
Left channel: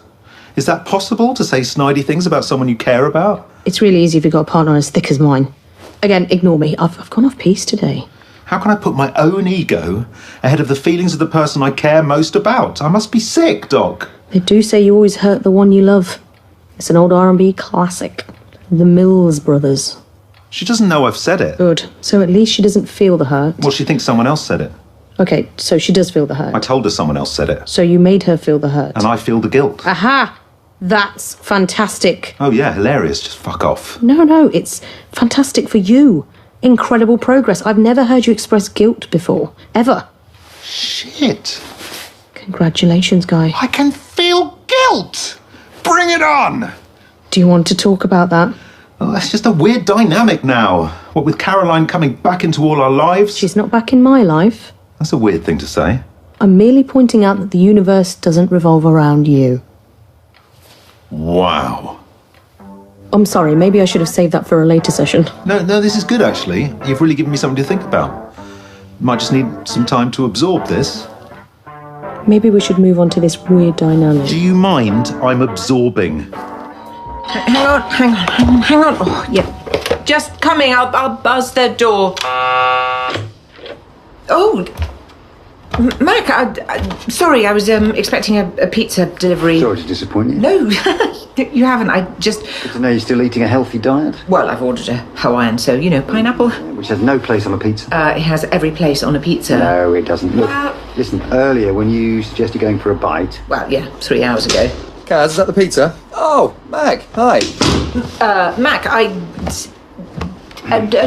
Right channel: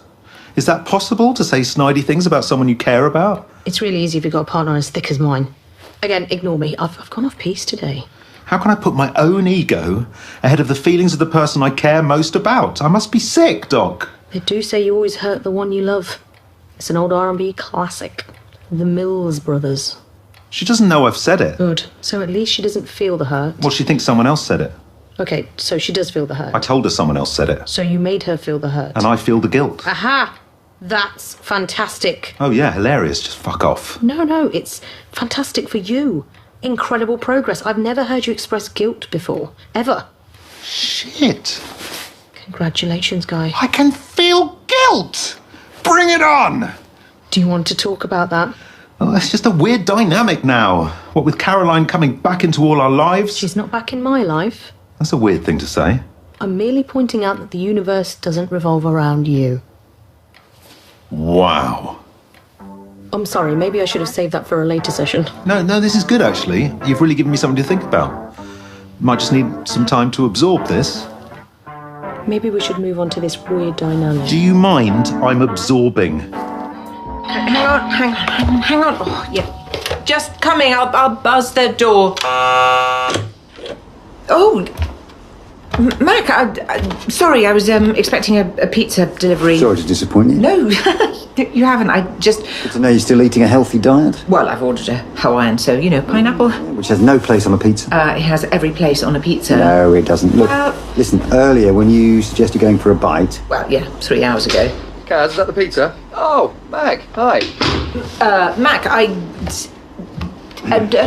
Is that possible, to say snidey things about someone you care about? It's really easy if you've got a partner as thick as mine. Again, ignore me. I've gone off piece today. How can I put my own ego ahead of the feelings of the person I care most about? I must be sick, Doc. They do say you always hurt the one you love. It's an old R&B classic. The Mills Brothers. She doesn't know I've said it. Good. So at least she doesn't feel the hurt. Well, she thinks someone else said it. Okay, so she does feel the hurt. I told her someone else said it. So you made her feel the hurt. And I feel the guilt. Aha! That's fantastic. Oh, yeah, hilarious. Just fuck off. No, it's fantastic for you. Incredible progress. I've never heard you express guilt before. Ever. Shit. Congratulations, Guy. I can feel guilt. Bring it on. Do you want to talk about that? Oh, that's just a weird dynamic now. What with Caroline coming back into all our lives? She's not back in my life. That's a weird thing to say. I'm merely pointing out that the universe doesn't revolve around you. Wow. I'm sorry, maybe I should have saved that for a later session. No, this is good, actually. You've really given me something to think about. Might just need some time to absorb this. Maybe we should move on to this weird dynamic. Do you mind? I'm absorbing. Hang on. Oh, yeah. Just coming. I'll buzz the door. Oh, Mac, sorry, I was expecting a pizza delivery. Sorry to disappoint you. No, you haven't. I just... I know you're still eating a healthy diet. Well, I've ordered a Hawaiian, so, pineapple. Which has no place on a pizza. It has every place on a pizza. No, it doesn't. Look, listen, earlier when you suggested going for a bite... Well, yeah, 3 hours ago. Kaz, is that the pizza? Oh, Mac, hi. Mac,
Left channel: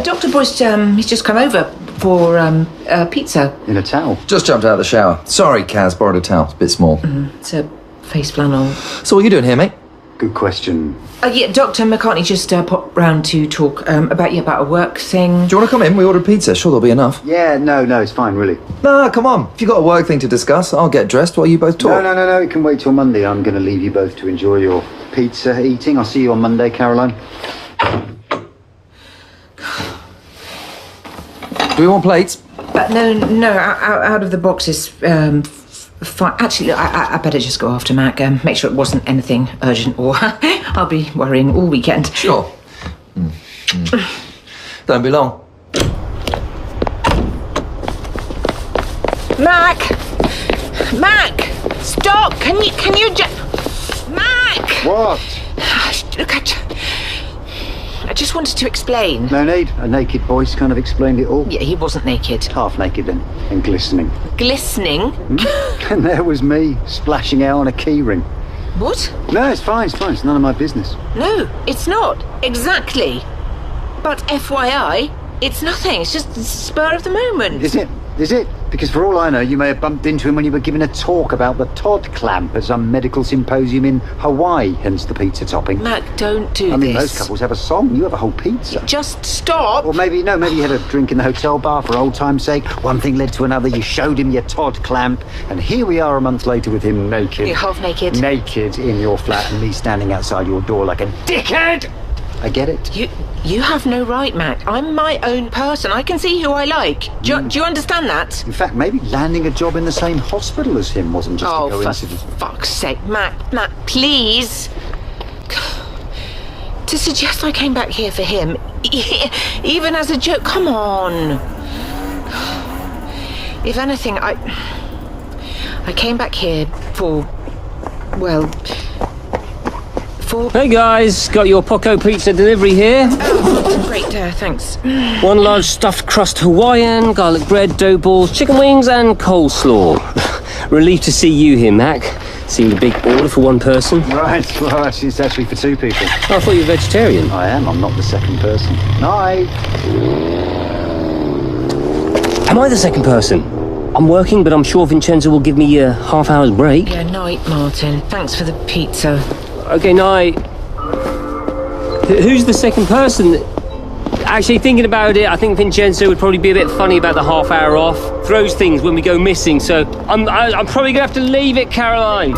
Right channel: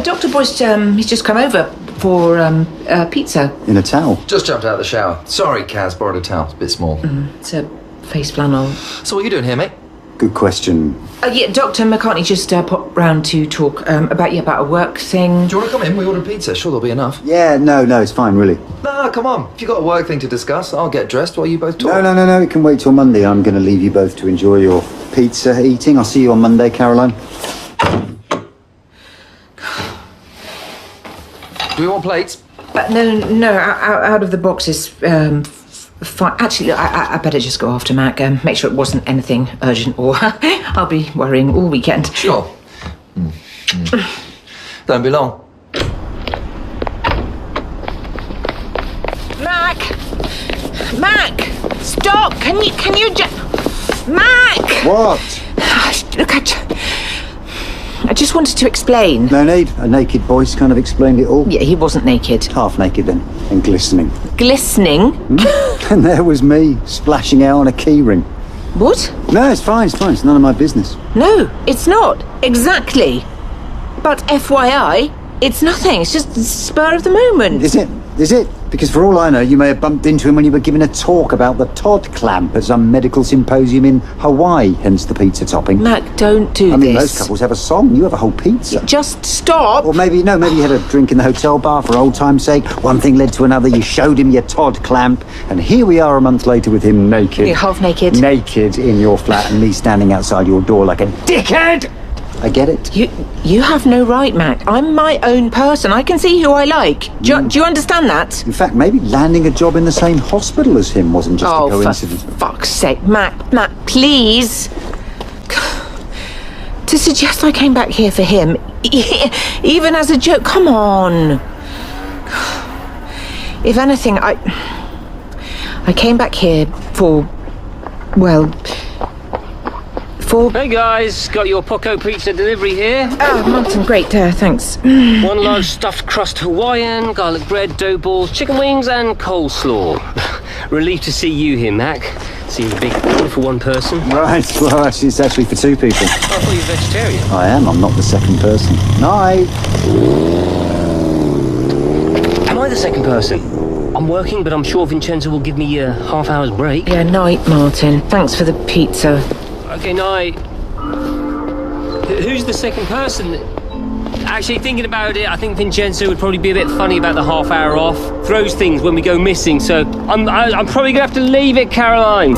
Dr. Boyce, he's just come over for pizza. In a towel? Just jumped out of the shower. Sorry, Kaz, borrowed a towel. It's a bit small. It's a face flannel. So what are you doing here, mate? Good question. Yeah, Dr. McCartney just popped round to talk about a work thing. Do you want to come in? We ordered pizza. Sure, there'll be enough. Yeah, no, it's fine, really. No, come on. If you've got a work thing to discuss, I'll get dressed while you both talk. No, it can wait till Monday. I'm going to leave you both to enjoy your pizza eating. I'll see you on Monday, Caroline. Do we want plates? No, out of the box is fine. Actually, look, I better just go after Mac. Make sure it wasn't anything urgent, or I'll be worrying all weekend. Sure. Don't be long. Mac, stop! Can you just... Mac! What? Look, I just wanted to explain. No need. A naked voice kind of explained it all. Yeah, he wasn't naked. Half naked then, and glistening. Glistening? And there was me, splashing out on a key ring. What? No, it's fine. It's none of my business. No, it's not. Exactly. But FYI, it's nothing. It's just spur of the moment. Is it? Because for all I know, you may have bumped into him when you were giving a talk about the Todd clamp at some medical symposium in Hawaii, hence the pizza topping. Mac, don't do I mean, this. those couples have a song. You have a whole pizza. Just stop. Or maybe you had a drink in the hotel bar for old time's sake. One thing led to another. You showed him your Todd clamp. And here we are a month later with him naked. You're half naked. Naked in your flat and me standing outside your door like a dickhead. I get it. You have no right, Mac. I'm my own person. I can see who I like. Do you understand that? In fact, maybe landing a job in the same hospital as him wasn't just a coincidence. For fuck's sake, Mac, please. To suggest I came back here for him, even as a joke, come on. If anything, I came back here for... Hey guys, got your Poco Pizza delivery here. Oh, Martin, great, thanks. One large stuffed crust Hawaiian, garlic bread, dough balls, chicken wings and coleslaw. Relieved to see you here, Mac. Seemed a big order for one person. Right, well, actually, it's actually for two people. Oh, I thought you were vegetarian. I am, I'm not the second person. Night. Am I the second person? I'm working, but I'm sure Vincenzo will give me a half-hour's break. Yeah, night, Martin. Thanks for the pizza. Okay, night. Who's the second person? Actually, thinking about it, I think Vincenzo would probably be a bit funny about the half hour off. Throws things when we go missing, so I'm probably going to have to leave it, Caroline.